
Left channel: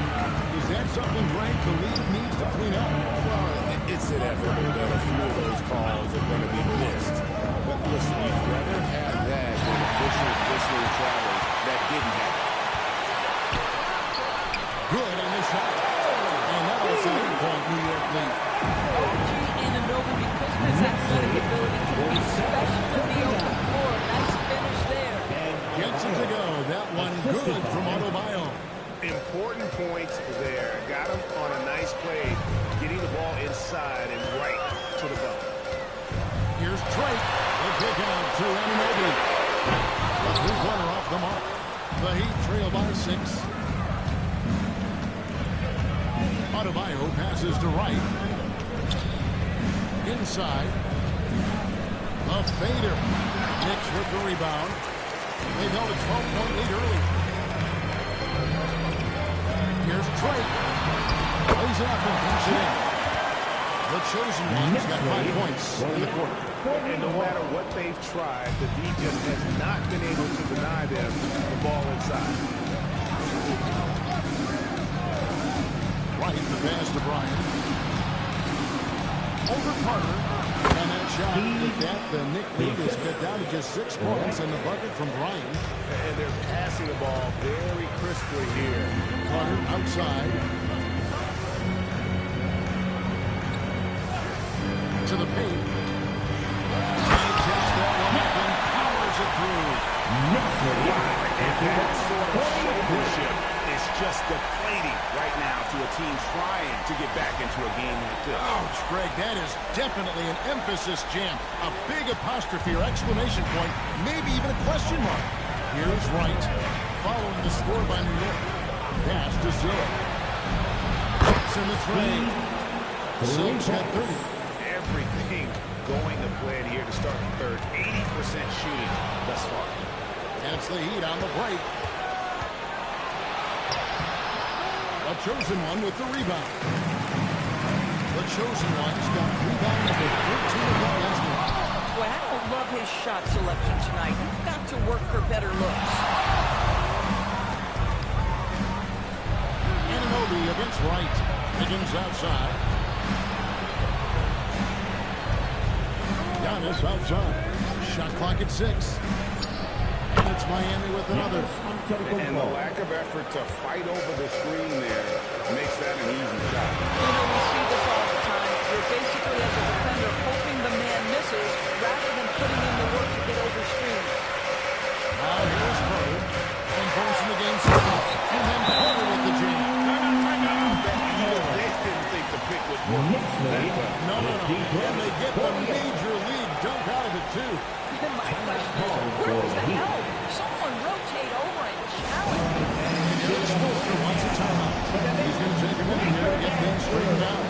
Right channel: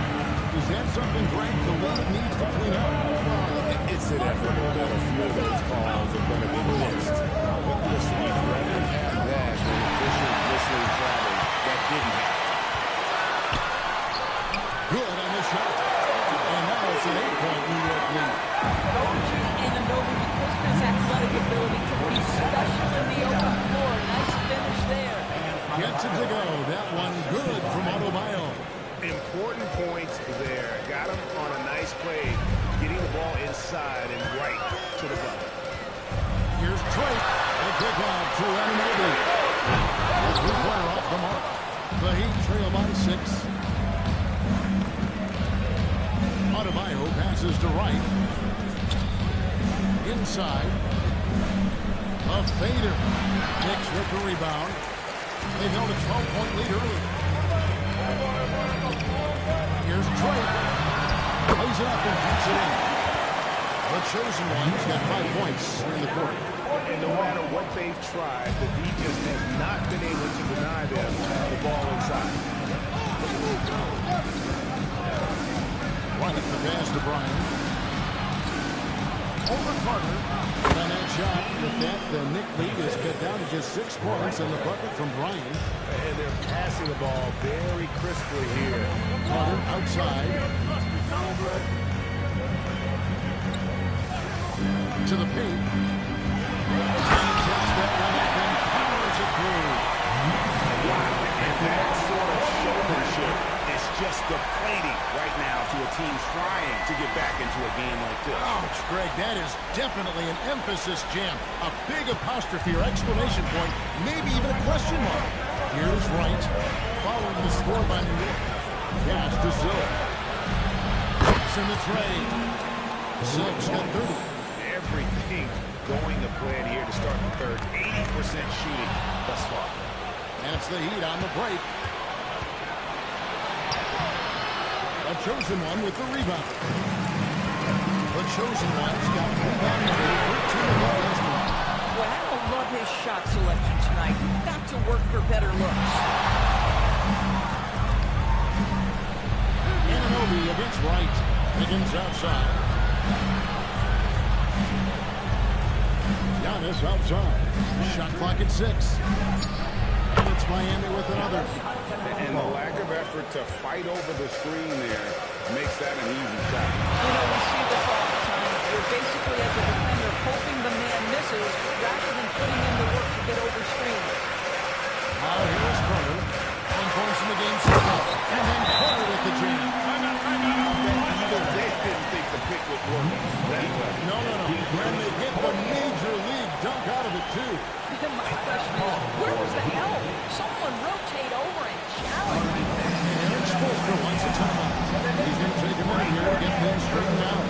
Is that something, Greg, the league needs to clean up? Well, it's inevitable that a few of those calls are going to be missed. But listen, you'd rather have that than officials whistling travels that didn't happen. Good on the shot. And now it's an 8-point New York lead. OG Anunoby, because of his athletic ability, can be special in the open floor. Nice finish there. Gets it to go. That one good from Adebayo. Important points there. Got him on a nice he's played, getting the ball inside and right to the bucket. Here's Drake. They kick out to Anunoby. The three-pointer off the mark. The Heat trail by 6. Adebayo passes to Wright. Inside. The fader. Knicks with the rebound. They've held a 12-point lead early. Here's Drake. Plays it up and pinks it in. The chosen one's got 5 points in the quarter. And no matter what they've tried, the D just has not been able to deny them the ball inside. Right, the pass to Bryan. Over Carter. And on that shot, with that, the Knick lead is cut down to just 6 points in the bucket from Bryan. And they're passing the ball very crisply here. Carter outside. To the paint. He takes that one up and powers it through. Wow, and that sort of showmanship is just deflating right now to a team trying to get back into a game like this. Ouch, Greg, that is definitely an emphasis jam. A big apostrophe or exclamation point, maybe even a question mark. Here's Wright, following the score by New York. Pass to Silk. Hooks in the tray. Silk's got 30. Everything going to plan here to start the third. 80% shooting thus far. And it's the Heat on the break. A chosen one with the rebound. The chosen one's got rebound number 13 of that last one. Well, I don't love his shot selection tonight. You've got to work for better looks. Anunoby against Wright. Wiggins outside. Giannis outside. Shot clock at 6. And it's Miami with another. And the lack of effort to fight over the screen there makes that an easy shot. You know, we see this all the time. You're basically, as a defender, hoping the man misses rather than putting in the work to get over screens. Now here's Carter. 10 points in the game so far. And then Carter with the jam. I bet even they didn't think the pick would work that well. No. And they get the major league dunk out of it, too. My question is, where was the help? Someone rotate over and challenge. And Eric Spoelstra wants a timeout. He's going to take a minute here to get things straightened out.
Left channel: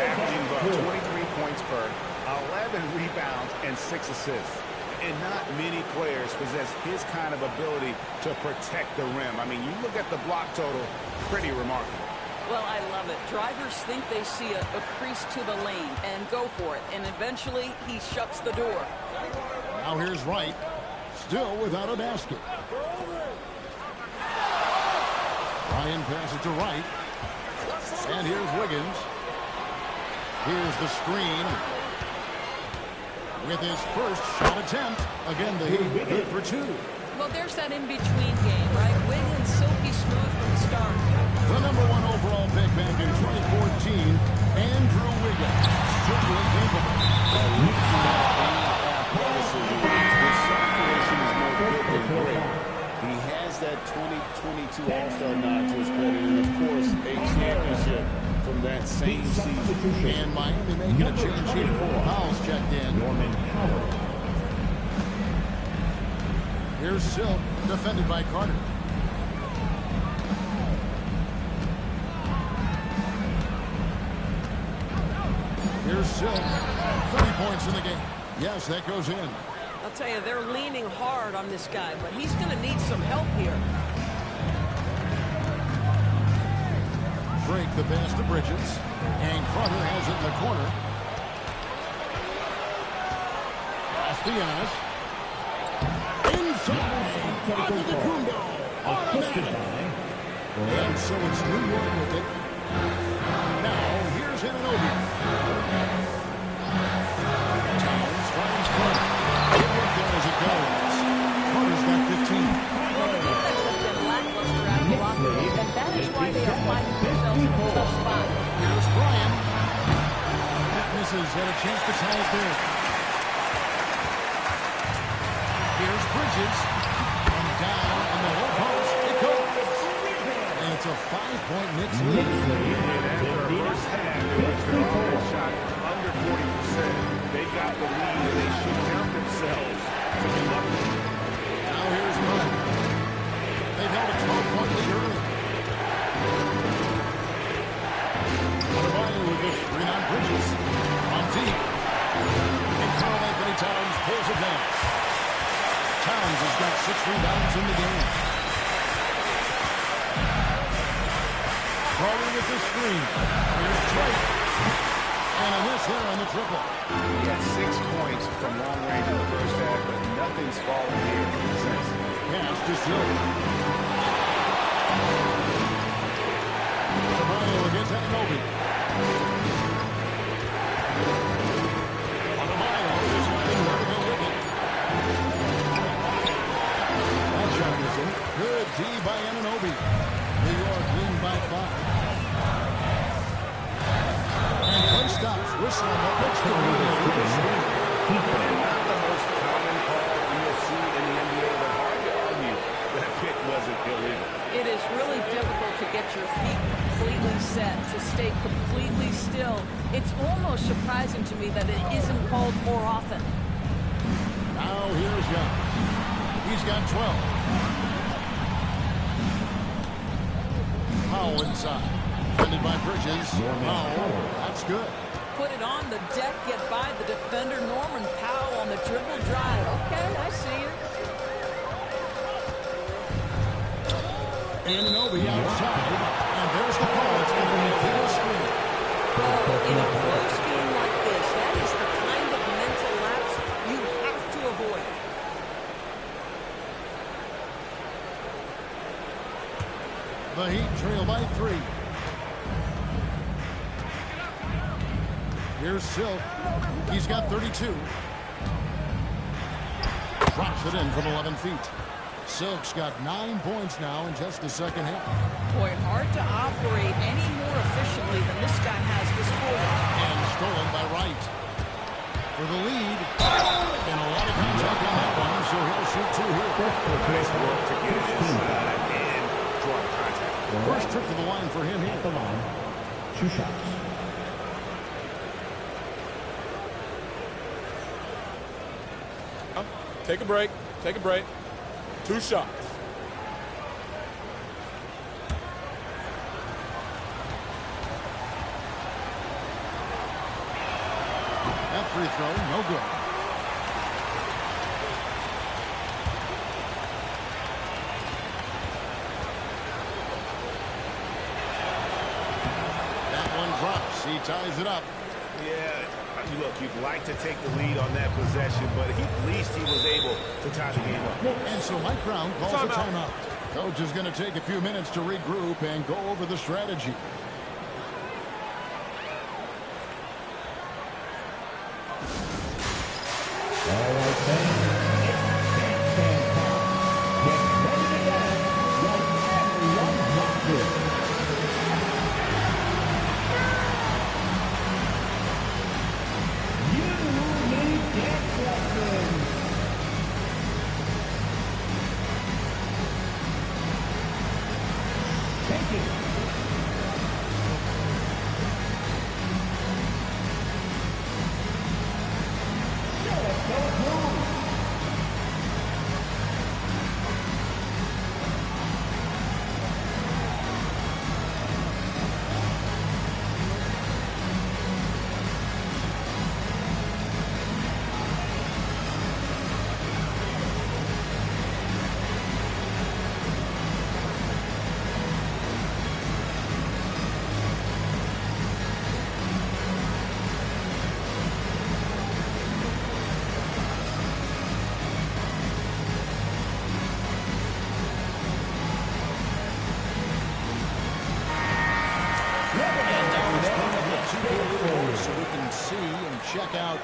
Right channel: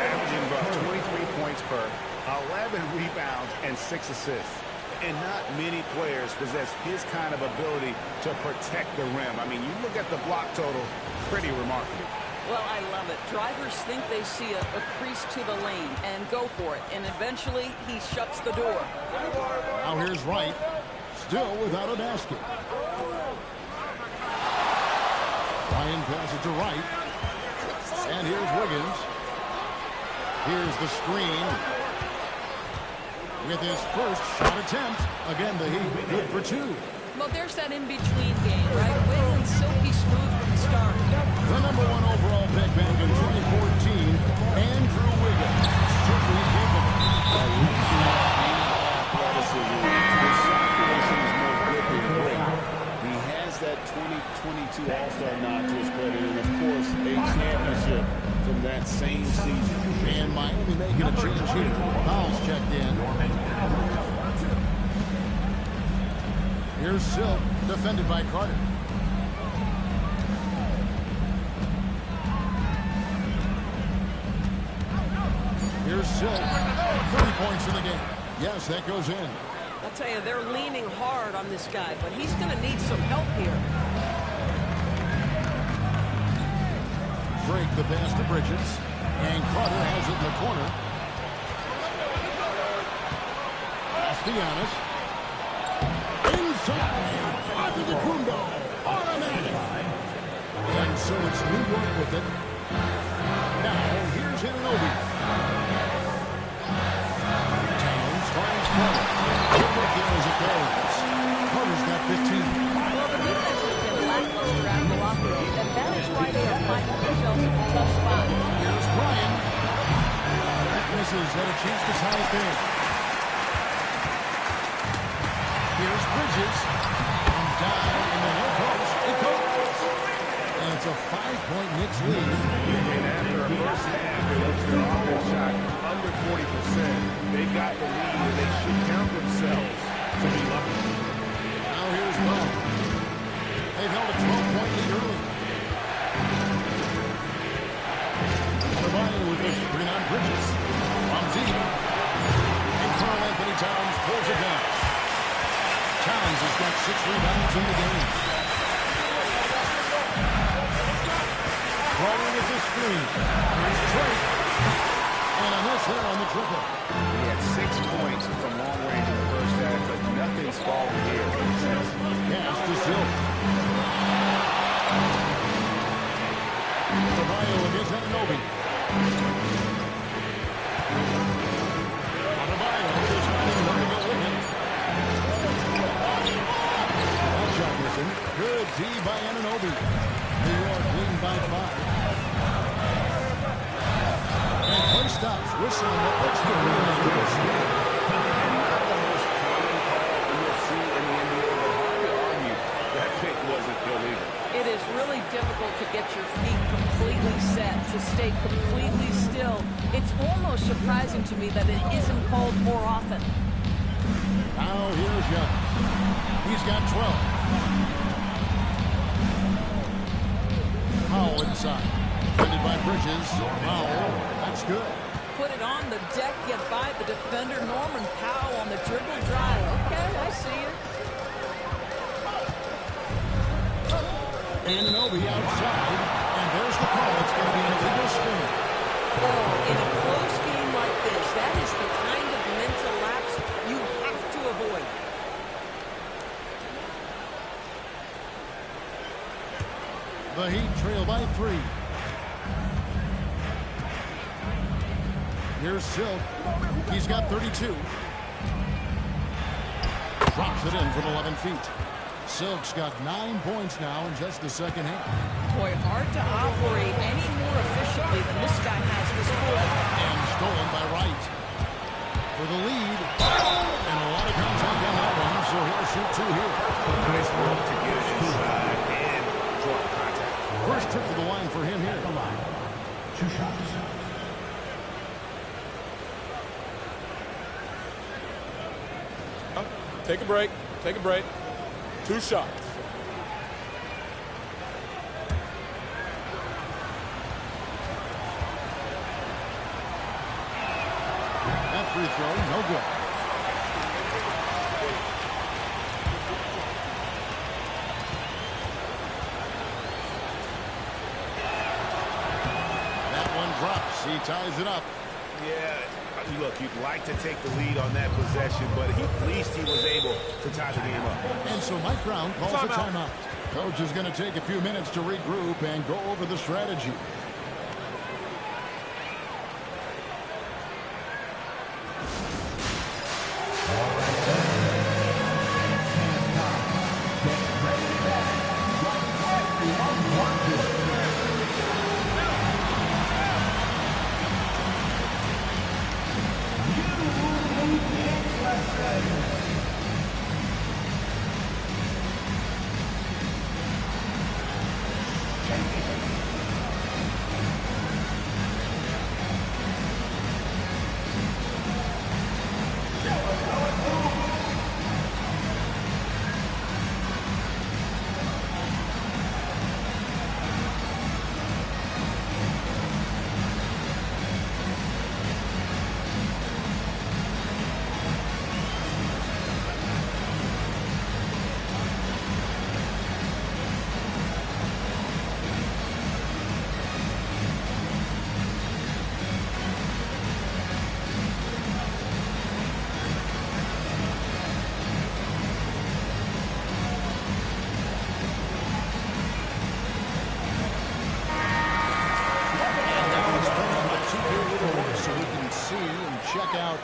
Averaging 23 points per, 11 rebounds, and 6 assists. And not many players possess his kind of ability to protect the rim. I mean, you look at the block total, pretty remarkable. Well, I love it. Drivers think they see a crease to the lane and go for it. And eventually, he shuts the door. Now here's Wright, still without a basket. Bryan passes to Wright. And here's Wiggins. Here's the screen. With his first shot attempt. Again, the Heat good for 2. Well, there's that in-between game, right? Wiggins silky smooth from the start. The #1 overall pick back in 2014, Andrew Wiggins. Certainly capable. Athleticism. His shot creation is more good than great. He has that 2022 All-Star nod to his credit, and of course, a championship from that same season. And Miami making a change here. Powell's checked in. Here's Silk, defended by Carter. Here's Silk, 30 points in the game. Yes, that goes in. I'll tell you, they're leaning hard on this guy, but he's going to need some help here. Drake the pass to Bridges, and Carter has it in the corner. Pass to Giannis. Inside, Antetokounmpo, automatic. And so it's New York with it. Now, here's Anunoby. Towns finds Carter. Good work there as it goes. Carter's got 15. Well, the defense has been lackluster out of the locker room, and that is why they are finding themselves in a tough spot. Here's Bryan. That misses. Had a chance to tie it there. Here's Bridges. From down in the low post, it goes. And it's a 5-point Knicks lead. And after a first half in which their offense shot under 40%, they've got the lead and they should count themselves to be lucky. Now here's Brown. They've held a 12-point lead early. Adebayo with the screen on Bridges. From deep. And Karl Anthony Towns pulls it down. Towns has got 6 rebounds in the game. Crowder with the screen. Here's Drake. And a miss there on the triple. He had 6 points from long range in the first half, but nothing's fallen here since. Pass to Silk. Adebayo against Anunoby. Adebayo deciding where to go with it. That shot missing. Good D by Anunoby. New York leading by 5. And play stops. Whistle on what looks to be an illegal steal. And not the most common call you'll see in the NBA, but hard to argue that pick wasn't illegal. It is really difficult to get your feet completely set, to stay completely still. It's almost surprising to me that it isn't called more often. Now here's Giannis. He's got 12. Powell inside. Defended by Bridges. Powell, that's good. Put it on the deck, get by the defender. Norman Powell on the dribble drive. Okay, I see it. Anunoby outside. And there's the call. It's going to be an illegal screen. Oh, in a close game like this, that is the kind of mental lapse you have to avoid. The Heat trail by 3. Here's Silk. He's got 32. Drops it in from 11 feet. Silk's got 9 points now in just the second half. Boy, hard to operate any more efficiently than this guy has this quarter. And stolen by Wright. For the lead. And a lot of contact on that one, so he'll shoot 2 here. Nice work to get it inside and draw the contact. First trip to the line for him here. At the line, 2 shots. Take a break. Take a break. 2 shots. That free throw, no good. That one drops. He ties it up. Yeah, look, you'd like to take the lead on that possession, but at least he was able to tie the game up. And so Mike Brown calls a timeout. Coach is going to take a few minutes to regroup and go over the strategy. All of a sudden, stand up. Get ready to dance like everyone wants it. 2K leaderboard so we can see and check out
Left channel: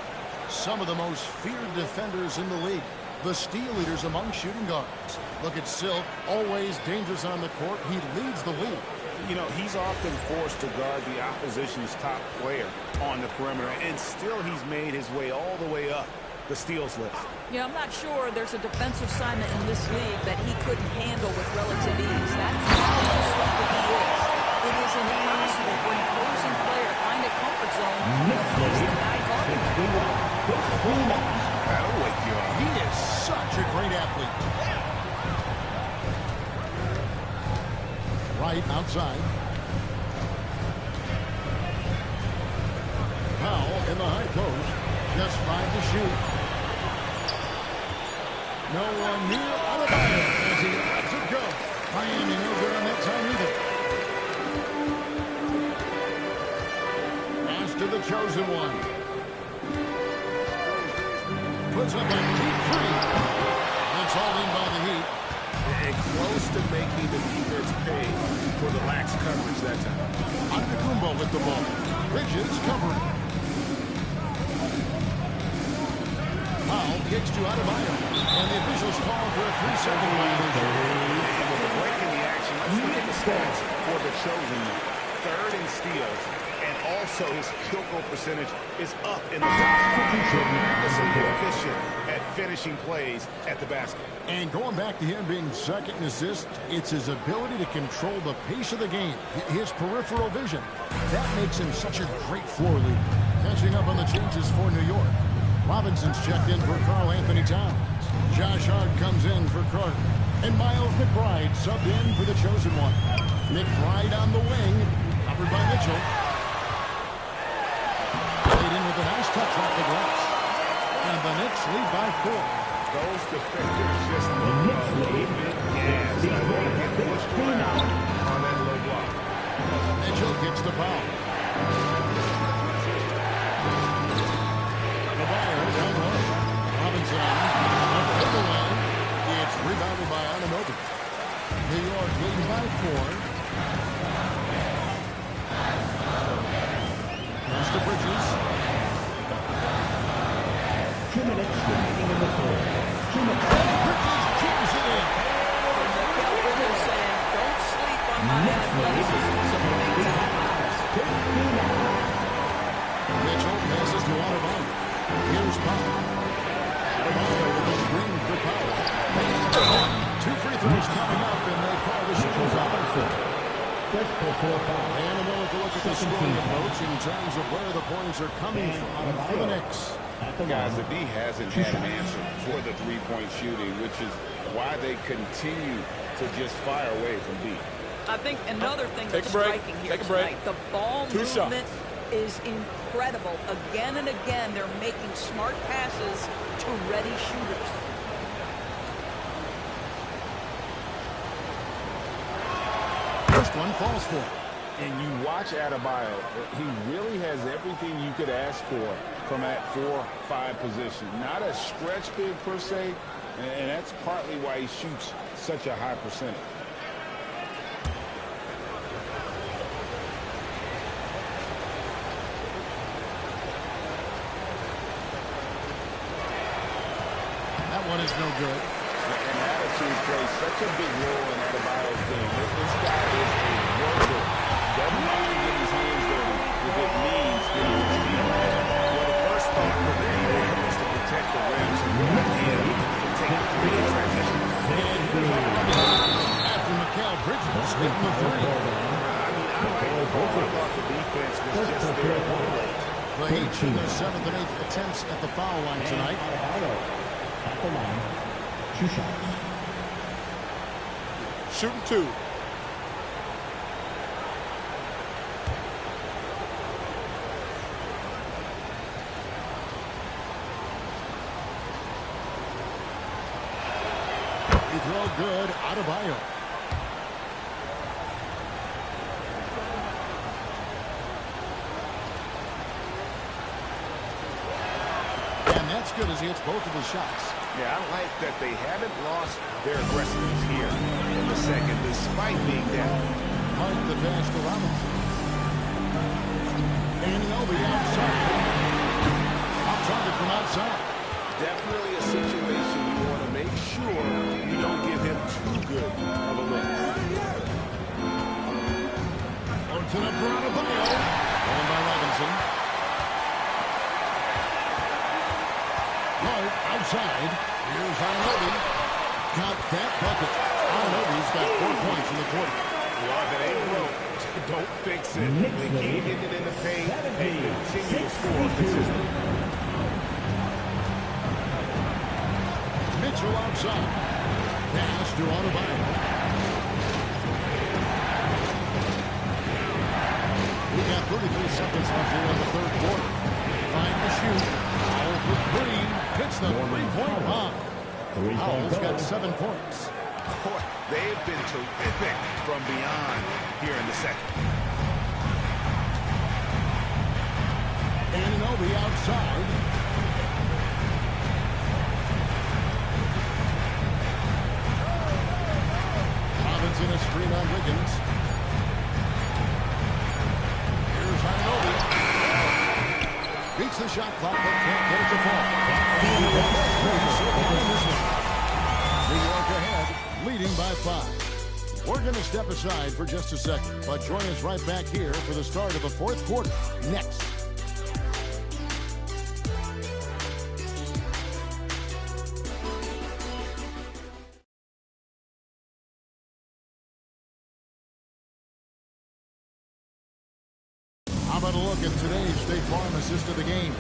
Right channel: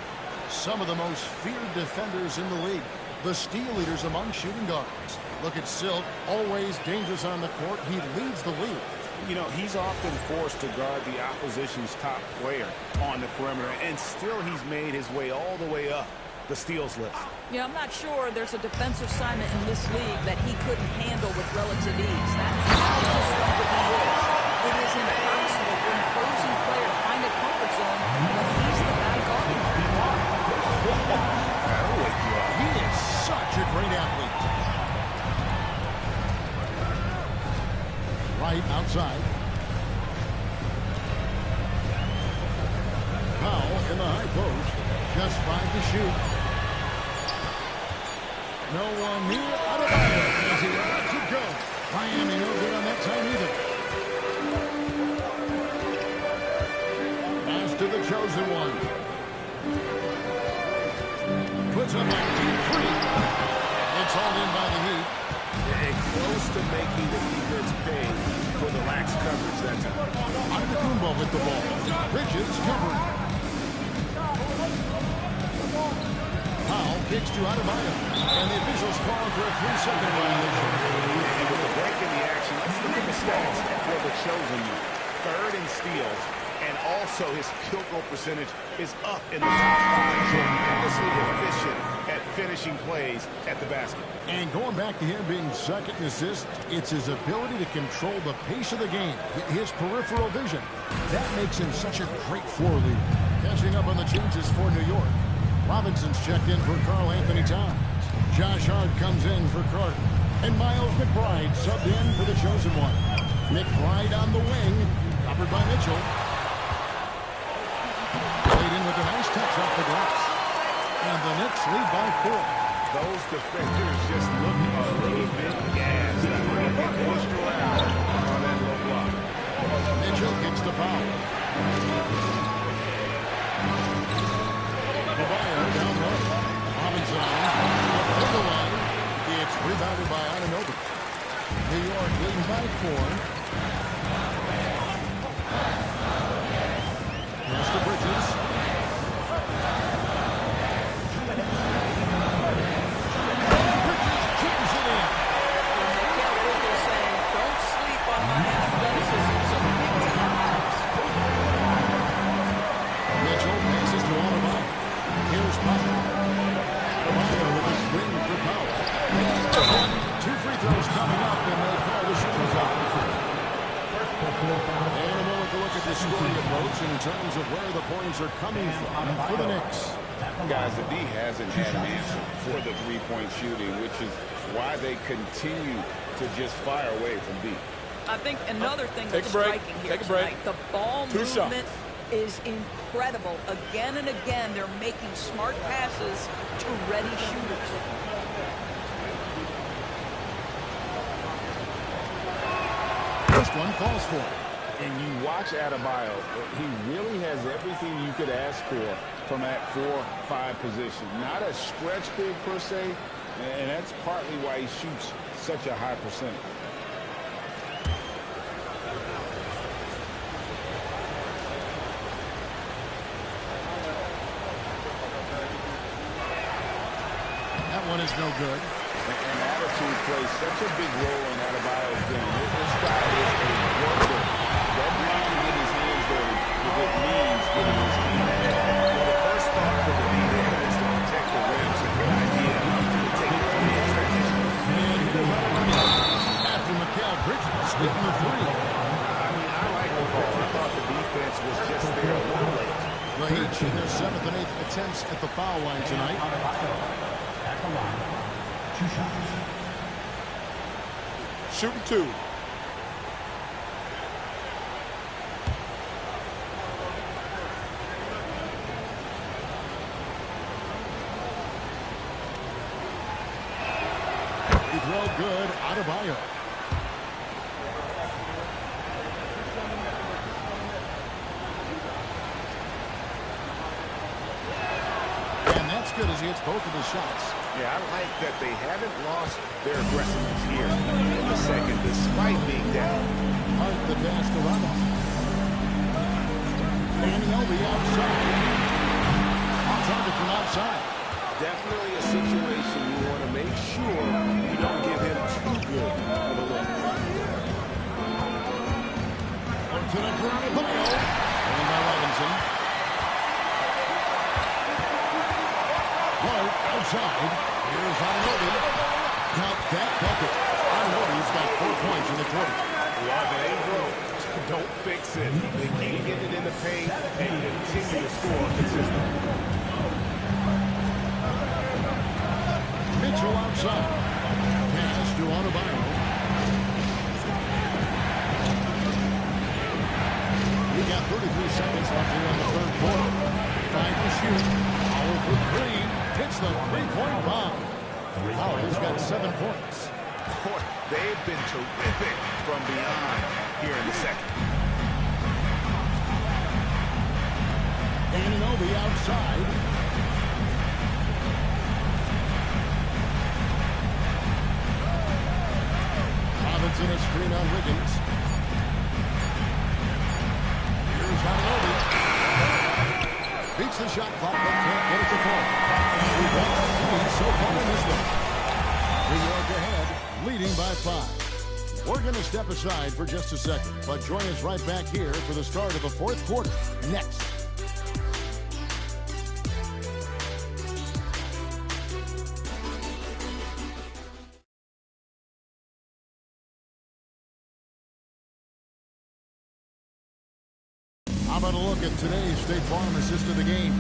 some of the most feared defenders in the league. The steal leaders among shooting guards. Look at Silk, always dangerous on the court. He leads the league. You know, he's often forced to guard the opposition's top player on the perimeter, and still he's made his way all the way up the steals list. Yeah, I'm not sure there's a defensive assignment in this league that he couldn't handle with relative ease. That's how disruptive he is. It is impossible for an opposing player to find a comfort zone when he's the guy guarding him. That'll wake you up. He is such a great athlete. Right outside. Powell in the high post. Just 5 to shoot. No one near Adebayo as he lets it go. Miami no good on that time either. Pass to the chosen one. Puts up a deep three. It's hauled in by the Heat. And close to making the defense pay for the lax coverage that time. Antetokounmpo with the ball. Bridges covering. Powell kicks to Adebayo. And the officials call for a 3-second violation. And with the break in the action, let's look at the stats for the chosen one. 3rd in steals, and also his field goal percentage is up in the top 5. Tremendously efficient at finishing plays at the basket. And going back to him being second in assists, it's his ability to control the pace of the game, his peripheral vision. That makes him such a great floor leader. Catching up on the changes for New York. Robinson's checked in for Karl Anthony Towns. Josh Hart comes in for Carter. And Miles McBride subbed in for the chosen one. McBride on the wing, covered by Mitchell. Played in with a nice touch off the glass. And the Knicks lead by 4. Those defenders just look a little bit gassed. I think they get pushed around on that low block. Mitchell kicks to Powell. Adebayo down low. Robinson on him. A fade away. It's rebounded by Anunoby. New York leading by 4. Pass to Bridges. 2 minutes remaining in the third. Bridges jams it in. And Mikal Bridges saying, don't sleep on my athleticism. Some big time hops. Mitchell passes to Adebayo. Here's Powell. Adebayo with a screen for Powell. 2 free throws coming up, and they'll call the shooting foul. And a moment to look at the scoring approach in terms of where the points are coming from for the Knicks. Guys, the D hasn't had an answer for the three-point shooting, which is why they continue to just fire away from deep. I think another thing Take that's a break. striking here Take a break. tonight, the ball 2 movement shots. is incredible. Again and again, they're making smart passes to ready shooters. First one falls for him. And you watch Adebayo, he really has everything you could ask for from that 4-5 position. Not a stretch big per se, and that's partly why he shoots such a high percentage. That one is no good. And attitude plays such a big role in Adebayo's game. This guy is a worker. Doesn't mind getting his hands dirty if it means getting his team ahead. Well, the first thought for the D there was to protect the rim. So good idea to take the 3 in transition. And here's after Mikal Bridges hitting the 3. I mean, I like the call. I thought the defense was just there a little late. The Heat in their 7th and 8th attempts at the foul line tonight. At the line. 2 shots. Shooting 2. Free throw good. Adebayo. And that's good as he hits both of his shots. Yeah, I like that they haven't lost their aggressiveness here in the second, despite being down. Hart the pass to Robinson. Anunoby outside. Off target from outside. Definitely a situation you want to make sure you don't give him too good of a look. To the Adebayo. Stolen by Robinson. Hart outside. Here's Anunoby. Count that bucket. Anunoby's got 4 points in the quarter. Well, if it ain't broke, don't fix it. They keep hitting it in the paint and continue to score consistently. Mitchell outside. Pass to Adebayo. We got 33 seconds left here in the third quarter. 5 to shoot. Powell for 3. Hits the three-point bomb. Powell's got 7 points. Boy, they've been terrific from beyond here in the second. Anunoby outside. Robinson a screen on Wiggins. Here's Anunoby. Beats the shot clock, but can't get it to fall. And we've got 3 so far in this one. New York ahead, leading by 5. We're going to step aside for just a second, but join us right back here for the start of the fourth quarter next. How about a look at today's State Farm assist of the game?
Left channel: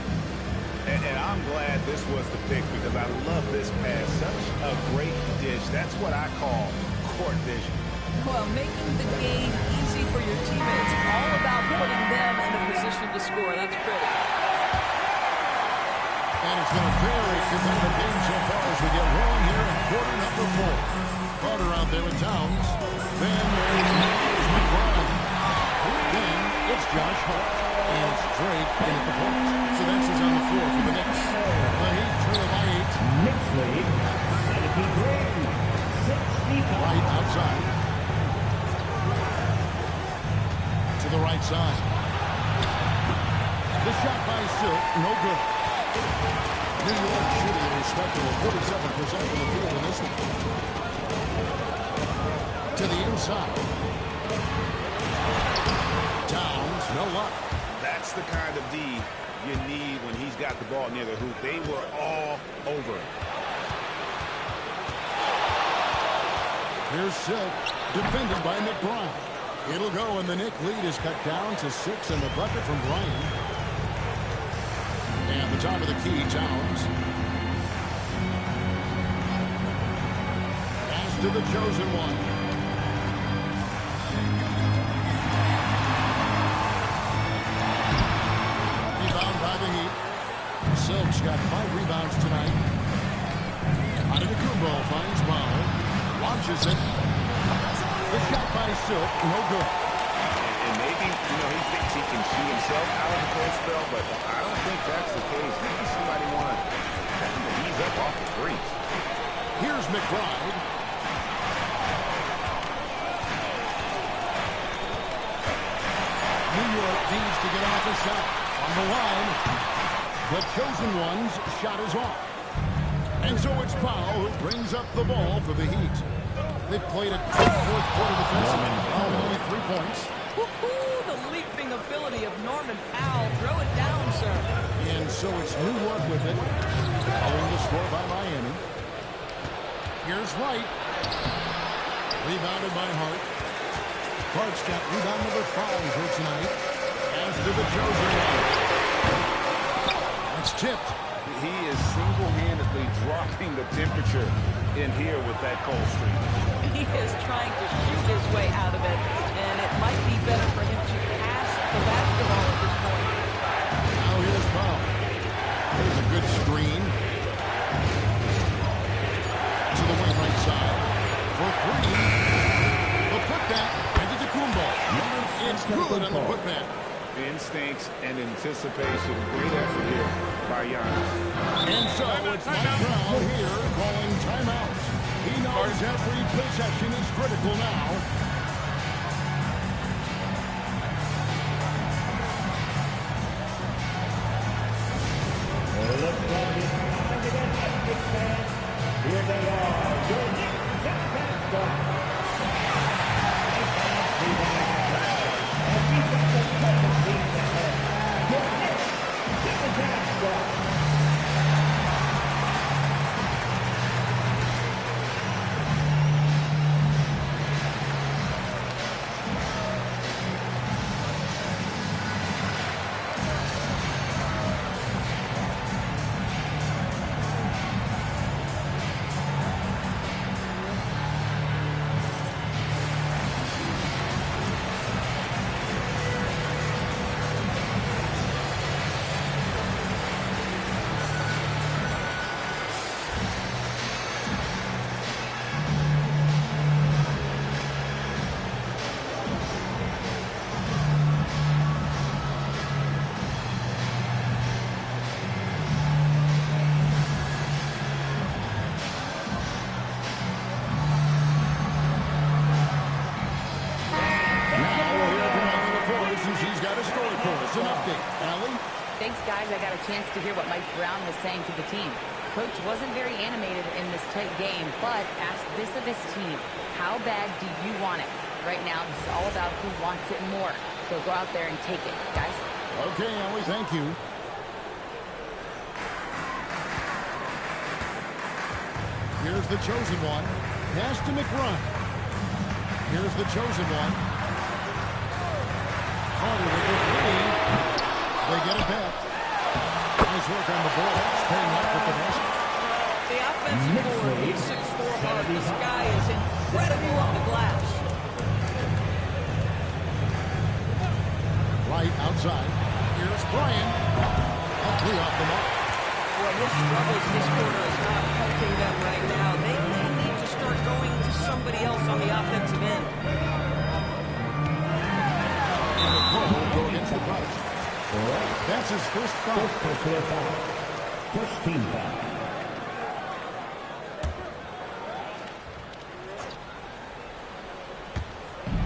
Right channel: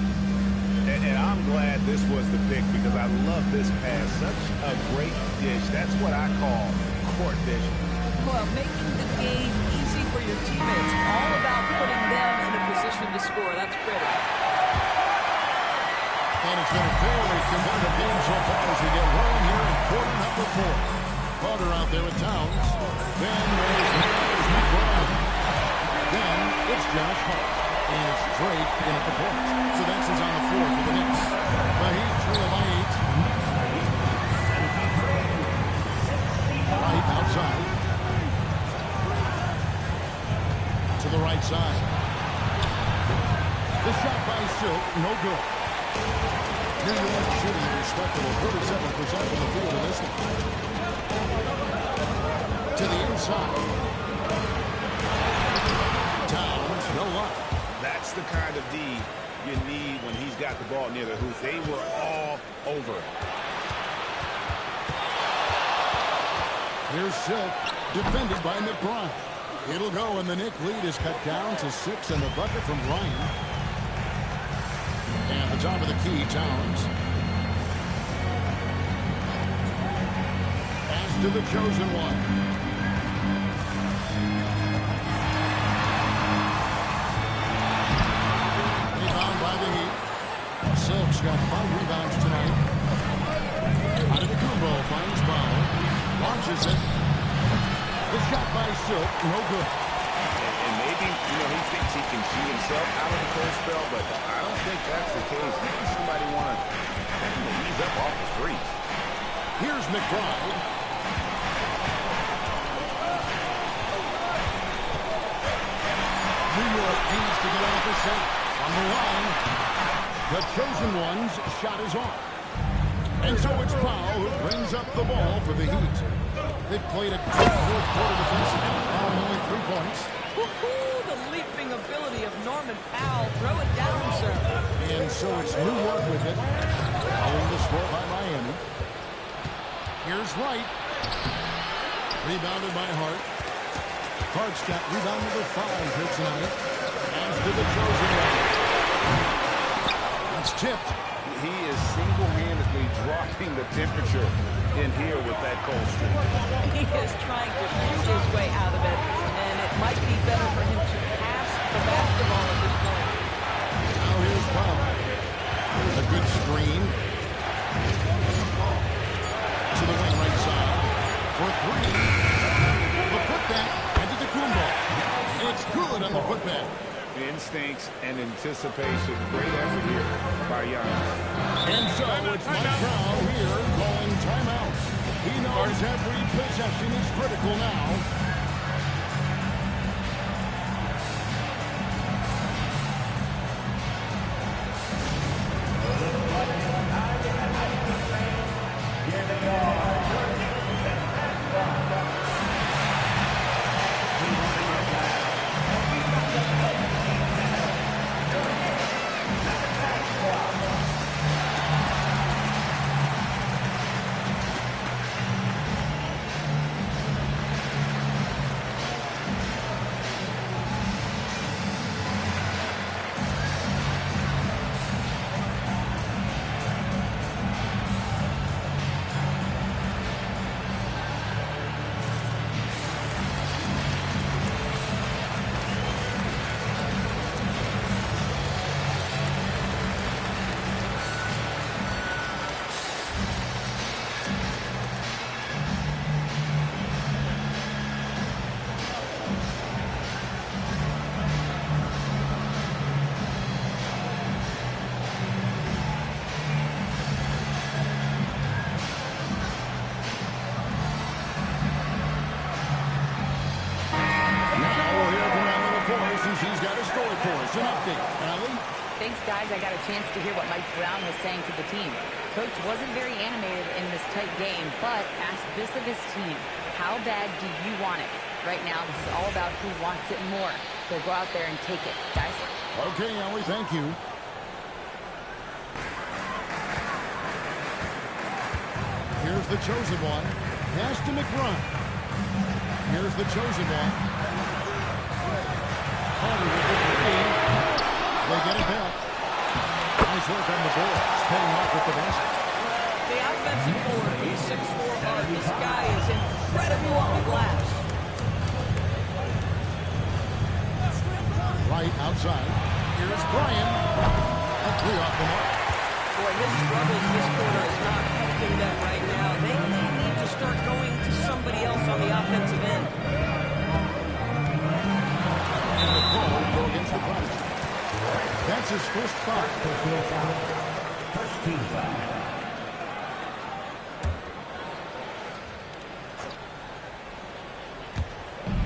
And I'm glad this was the pick because I love this pass. Such a great dish. That's what I call court vision. Well, making the game easy for your teammates. All about putting them in a position to score. That's pretty. And it's been a very competitive game so far as we get rolling here in quarter number 4. Carter out there with Towns. Then there's Miles McBride. Then it's Josh Hart. And it's Drake in at the point. So that's who's on the floor for the Knicks. The Heat trail by 8. Right outside. To the right side. The shot by Silk, no good. New York shooting a respectable 47% from the field in this one. To the inside. Towns, no luck. That's the kind of D you need when he's got the ball near the hoop. They were all over it. Here's Silk, defended by McBride. It'll go, and the Knick lead is cut down to 6 and the bucket from Bryan. And the top of the key, Towns. Pass to the chosen one. Rebound by the Heat. Silk's got 5 rebounds tonight. Antetokounmpo finds Powell. Launches it. The shot by Silk, no good. And maybe, he thinks he can shoot himself out of the cold spell, but I don't think that's the case. Maybe somebody want to tell him to ease up off the threes. Here's McBride. New York needs to get off a shot. On the line, the chosen one's shot is off. And so it's Powell who brings up the ball for the Heat. They played a great fourth quarter defensively, allowing only 3 points. Woohoo! The leaping ability of Norman Powell. Throw it down, sir. And so it's New York with it, following the score by Miami. Here's Wright. Rebounded by Hart. Hart's got rebound number 5 here tonight. As to the chosen one. That's tipped. He is single-handedly dropping the temperature in here with that cold streak. He is trying to shoot his way out of it, and it might be better for him to pass the basketball at this point. Now here's Powell. There's a good screen. To the wing right side. For 3. The putback. Antetokounmpo. It's good on the putback. Instincts and anticipation. Great effort here by Giannis. And so it's Mike Brown here calling timeout. He knows every possession is critical now. We want to get back. And we got the perfect team to help. Your next Superfan Squad. She's got a story for us, an update. Allie? Thanks, guys. I got a chance to hear what Mike Brown was saying to the team. Coach wasn't very animated in this tight game, but asked this of his team. How bad do you want it? Right now, this is all about who wants it more. So go out there and take it, guys. Okay, Allie, thank you. Here's the chosen one. Pass to McBride. Here's the chosen one. Carter with the three. They get it back. Nice work on the boards, paying off with the basket. Well, the offensive forward, he's 6'4" hard. This guy is incredible on the glass. Right outside. Here's Brian. A three off the mark. Boy, his struggles this quarter is not helping them right now. They need to start going to somebody else on the offensive end. And the call will go against the Prodigy. That's his first foul. First team foul.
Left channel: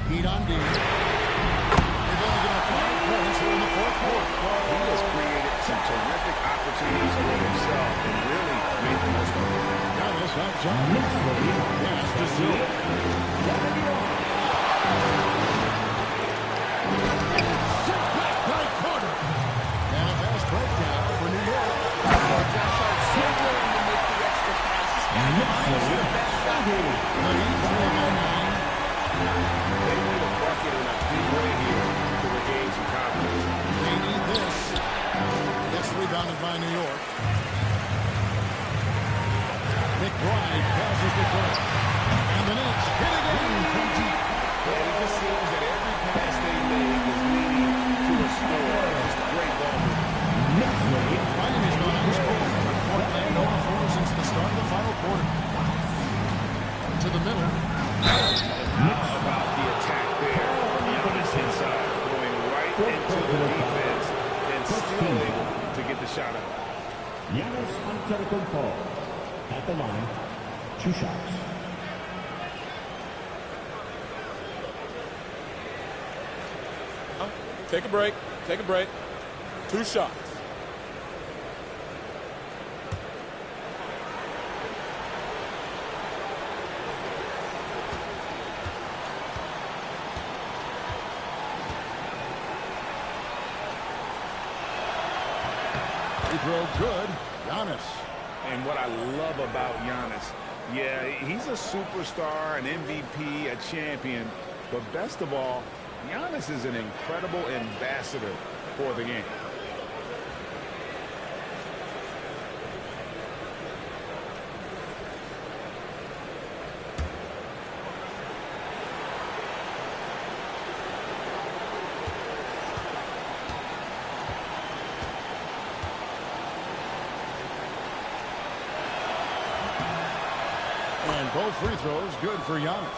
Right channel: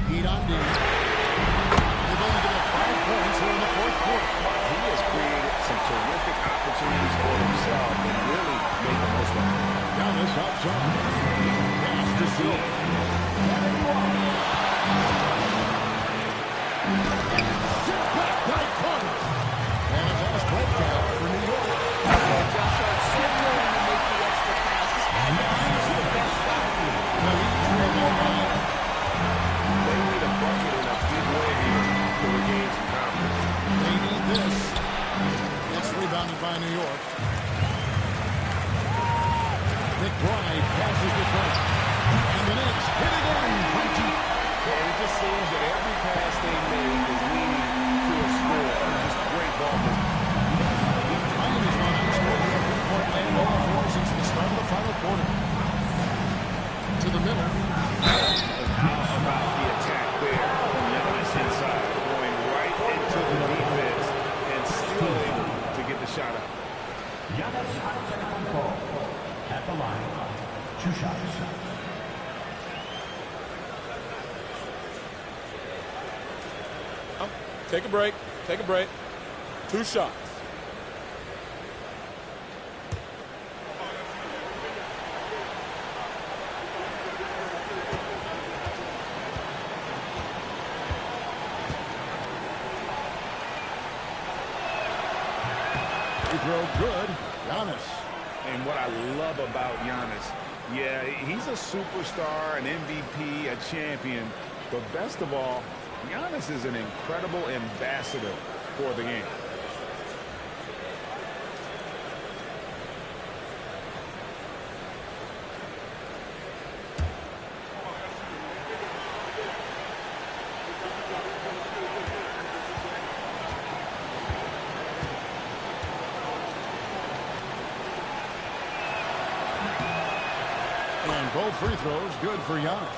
Heat on D. They've only given up 5 points here in the fourth quarter. He has created some terrific opportunities for himself and really made the most of it. Giannis outside. Pass to Silva. And it's sent back by Carter. And a fast breakout for New York. Josh Hart so willing to make the extra pass. This guy finds the best shot. The Heat trail by 9. They need a bucket in a big way here to regain some confidence. They need this. It's rebounded by New York. McBride passes the front. And the Knicks hit again from deep. And it just seems that every pass they make is leading to a score. Just great ball movement. Miami's gone ice cold from three-point land, 0-4 since the start of the final quarter. To the middle. And how about the attack there from Giannis inside, going right into the defense and still able to get the shot up. Giannis Antetokounmpo at the line. 2 shots. Take a break. Take a break. 2 shots. Free throw good. Giannis. And what I love about Giannis, yeah, he's a superstar, an MVP, a champion, but best of all, Giannis is an incredible ambassador for the game. And both free throws good for Giannis.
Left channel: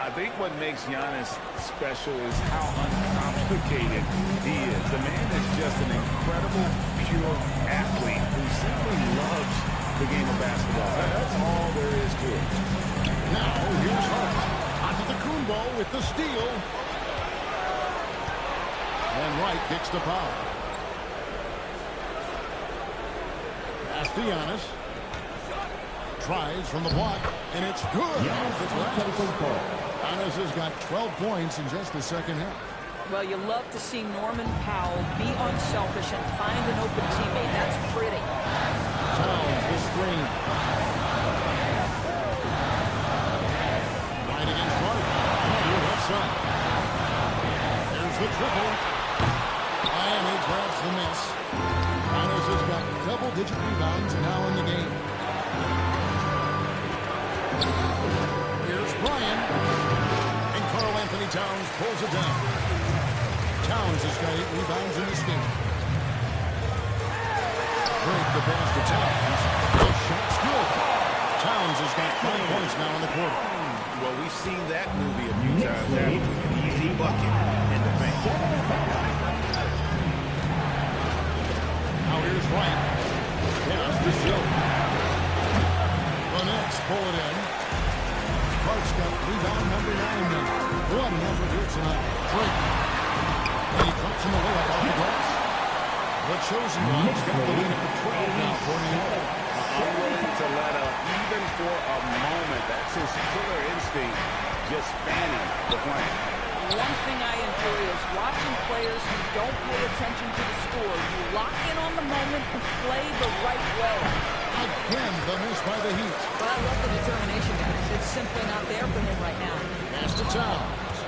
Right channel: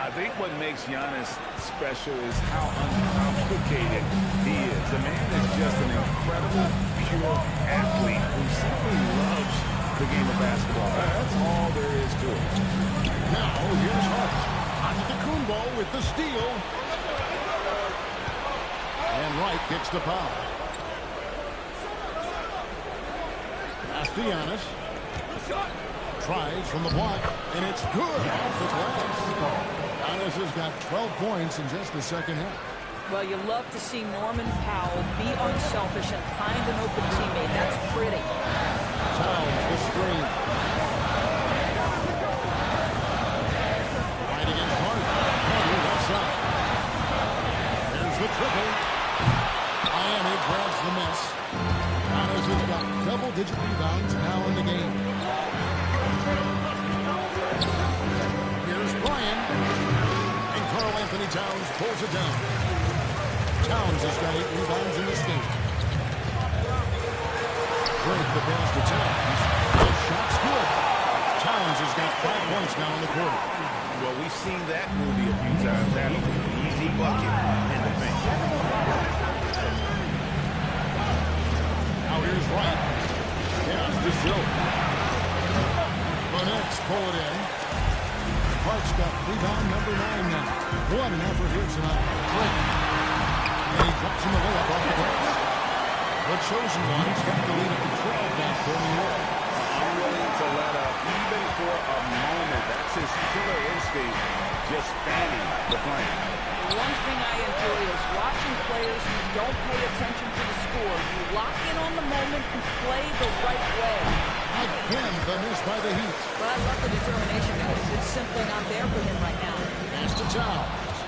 I think what makes Giannis special is how uncomplicated he is. The man is just an incredible, pure athlete who simply loves the game of basketball. That's all there is to it. Now, here's Hart. Antetokounmpo with the steal. And Wright kicks the foul. Pass to Giannis. Tries from the block. And it's good off the glass. Giannis has got 12 points in just the second half. Well, you love to see Norman Powell be unselfish and find an open teammate. That's pretty. Towns the screen. Right against Hart. Carter left side. There's the triple. Miami grabs the miss. Giannis has got double-digit rebounds now in the game. Here's Bryant. And Karl Anthony Towns pulls it down. Towns has got 8 rebounds in this game. Drake the pass to Towns. The shot's good. Towns has got 5 points now in the quarter. Well, we've seen that movie a few times, haven't we? An easy bucket in the paint. Now here's Wright. Pass to Silk. The Knicks pull it in. Hart's got rebound number 9 now. What an effort here tonight. Drake. And he drops in the layup off the glass. The chosen one's got the lead up to 12 now for New York. Unwilling to let up even for a moment. That's his killer instinct, just fanning the flame. One thing I enjoy is watching players who don't pay attention to the score. You lock in on the moment and play the right way. Again, the miss by the Heat. But I love the determination, guys. It's simply not there for him right now. Pass to Towns.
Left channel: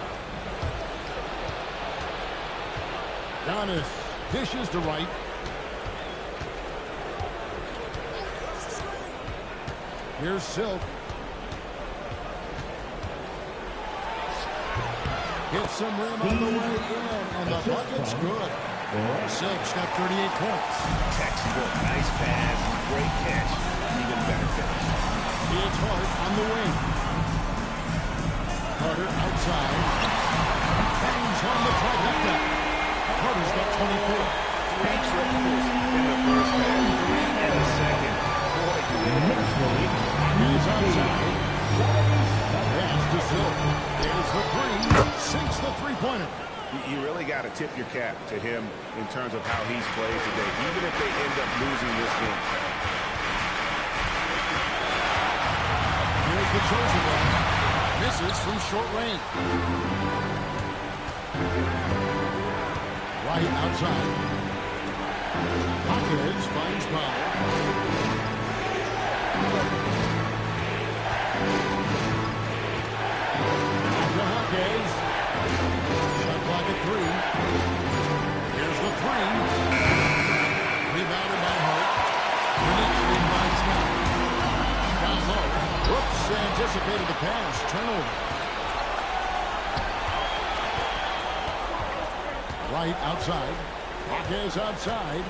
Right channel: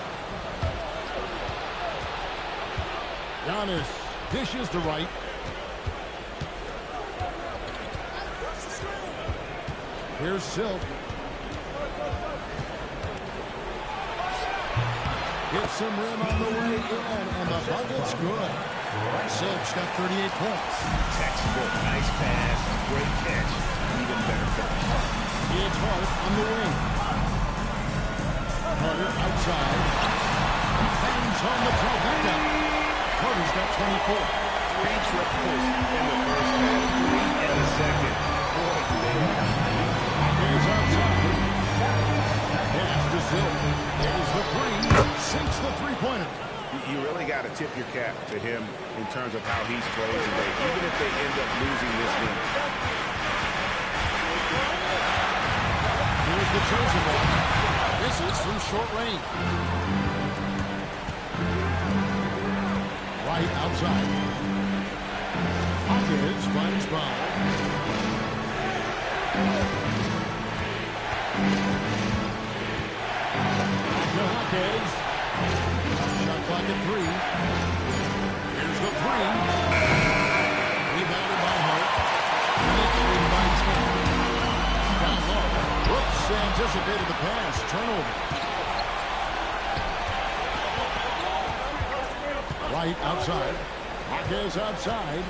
Giannis dishes to Wright. Here's Silk. Hits some rim on the way in, and the bucket's good. Silk's got 38 points. Textbook, nice pass, great catch, even better finish. It's Hart on the wing. Carter outside. Bangs on the trifecta. Carter's got 24. 3 triples in the first half, 3 in the second. Boy, do they have a He's outside. Pass to Silk. There's the 3. Sinks the three-pointer. You really got to tip your cap to him in terms of how he's played today, even if they end up losing this game. Here's the chosen one. Misses from short range. Right outside. Hawkins finds Powell. Back to Hawkins. Shot clock at 3. Here's the 3. Rebounded by Hart. The Knicks lead by 10. Down low. Whoops, anticipated the pass. Turnover. Right outside. Hawkins outside.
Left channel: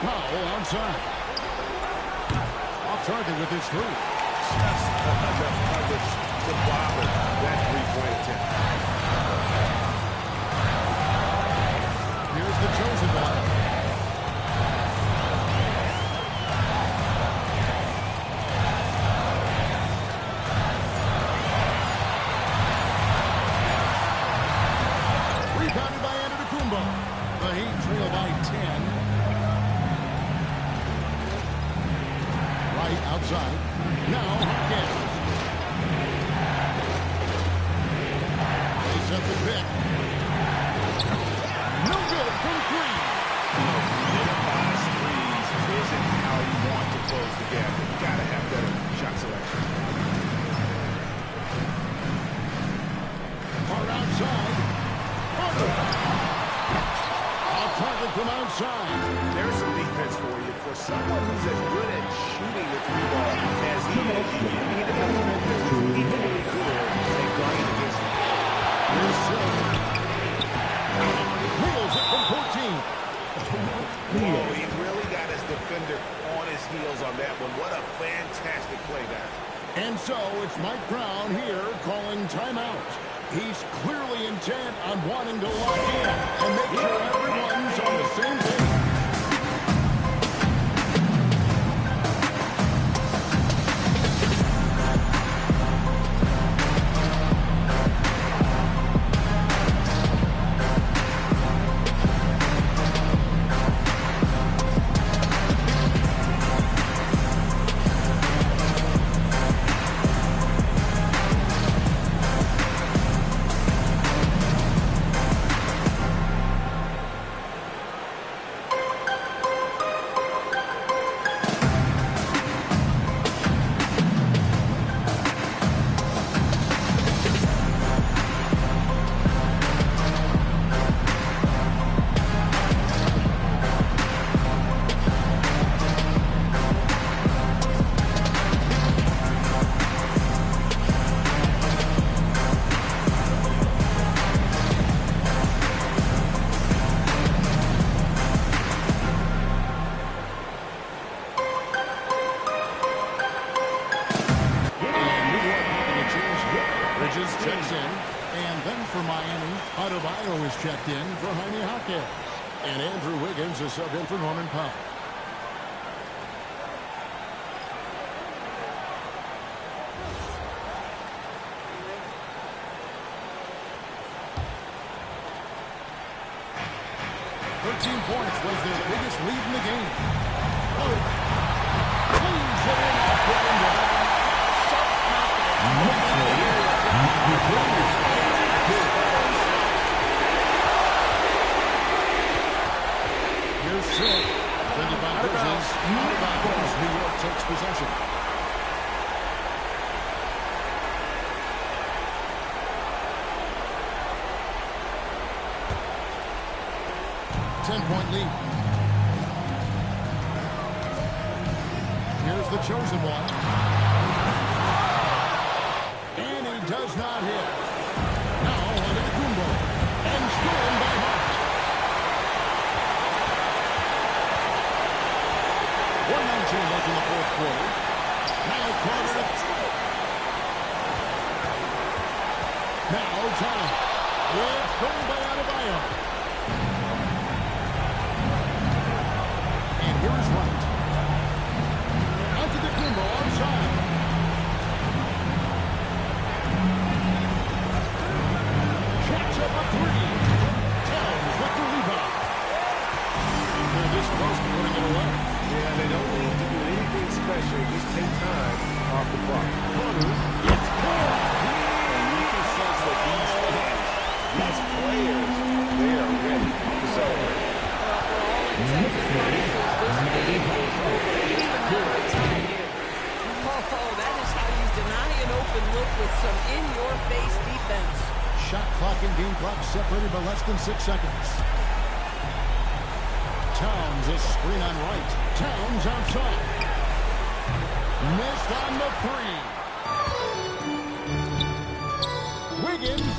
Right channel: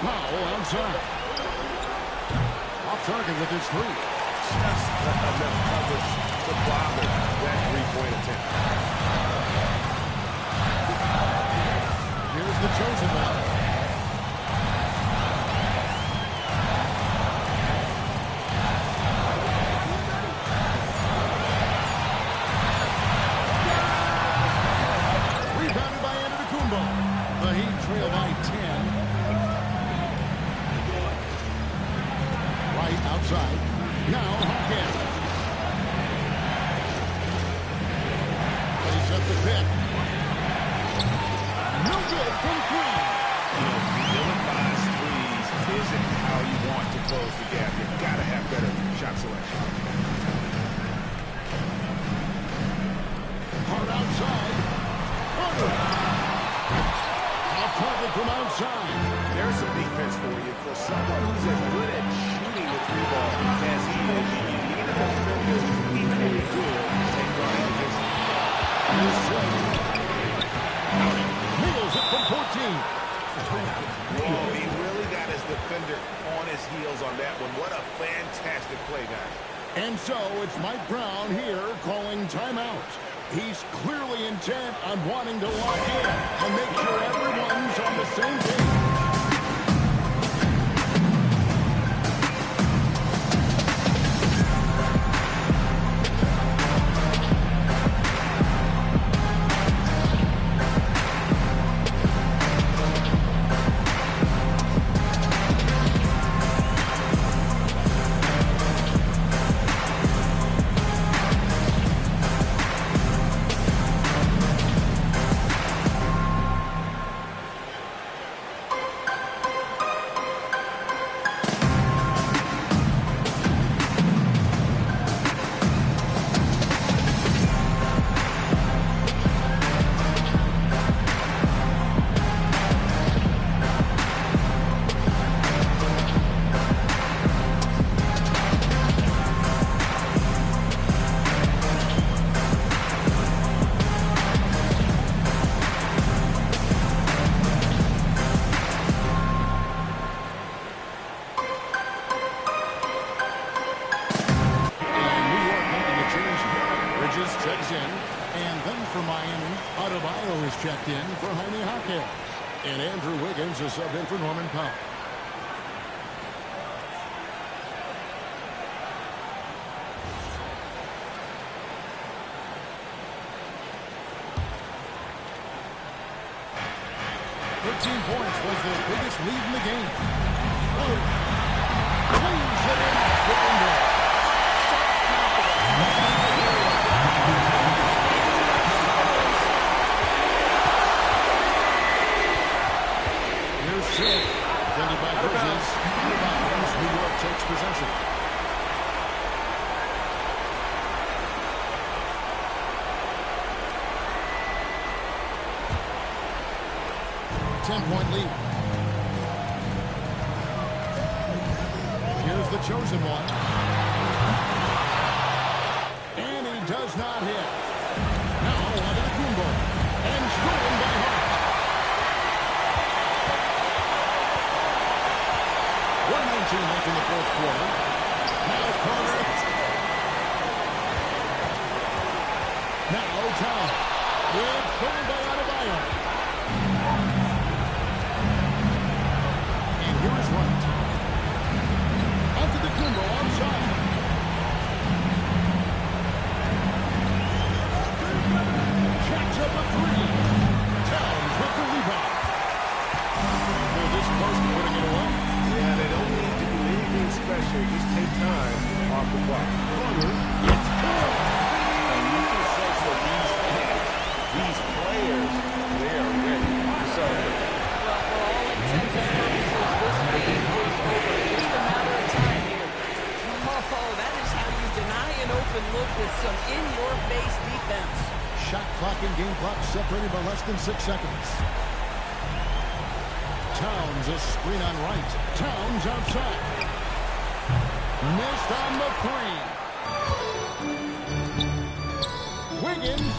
Powell outside. Off target with his 3. Just enough coverage to bother that three-point attempt. Here's the chosen one. Rebounded by Antetokounmpo. The Heat trail by 10. Right outside. Now Hawkins. They set the pick. No good from 3. Ill-advised threes isn't how you want to close the gap. You've got to have better shot selection. Hard outside. Carter. Off target from outside. There's some defense for you. For someone who's as good at shooting the 3-ball as he is, you need a defender who's equally good at guarding against him. Here's Silk. Nails it from 14. Oh, he really got his defender on his heels on that one. What a fantastic play, guys. And so it's Mike Brown here calling timeout. He's clearly intent on wanting to lock in and make sure everyone's on the same page. Bridges checks in. And then for Miami, Adebayo is checked in for Jaime Jaquez. And Andrew Wiggins is subbed in for Norman Powell. Points was their biggest lead in the game. Cleans it in off the window. Sharp confidence. He needs an area job. He understands how to score himself. Here's Silk. Defended by Bridges. Out of bounds. New York takes possession. Ten-point lead. Here's the chosen one. And he does not hit. Now onto the Kumbo. And stolen by Hart. 1:19 left in the fourth quarter. Now Carter. Now Town. It's stolen by Adebayo. And here is Wright. Onto the Kumbo onside. Catch up a three. Towns with the rebound. They're this close to putting it away. Yeah, they don't need to do anything special. Just take time off the clock. Carter, it's good. And you can sense that these fans, these players, they are ready to celebrate. Well, for all intents and purposes, this game is over. Just a matter of time here. Oh, that is how you deny an open look with some in-your-face defense. Shot clock and game clock separated by less than 6 seconds. Towns a screen on Wright. Towns outside. Missed on the three. Wiggins.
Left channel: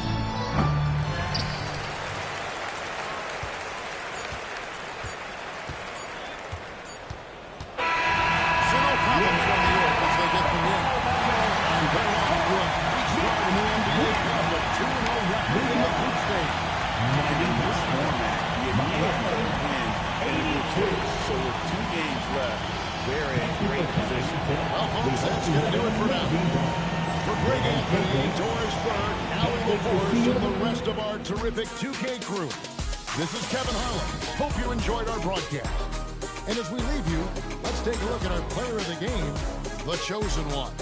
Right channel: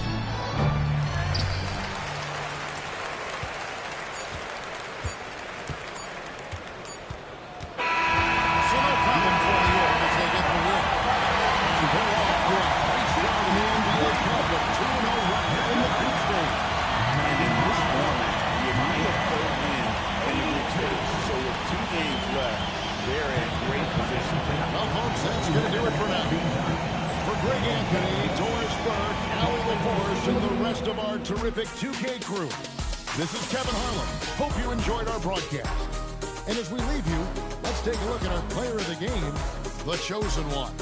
So no problem for New York as they get the win. And they're off to a great start in the NBA Cup, a 2-0 record in the group stage. And in this format, you need a third win in the group stage. So with 2 games left, they're in great position. Well, folks, that's going to do it for now. For Greg Anthony, Doris Burke, Allie LaForce, and the rest of our terrific 2K crew, this is Kevin Harlan. Hope you enjoyed our broadcast. And as we leave you, let's take a look at our player of the game, the chosen one.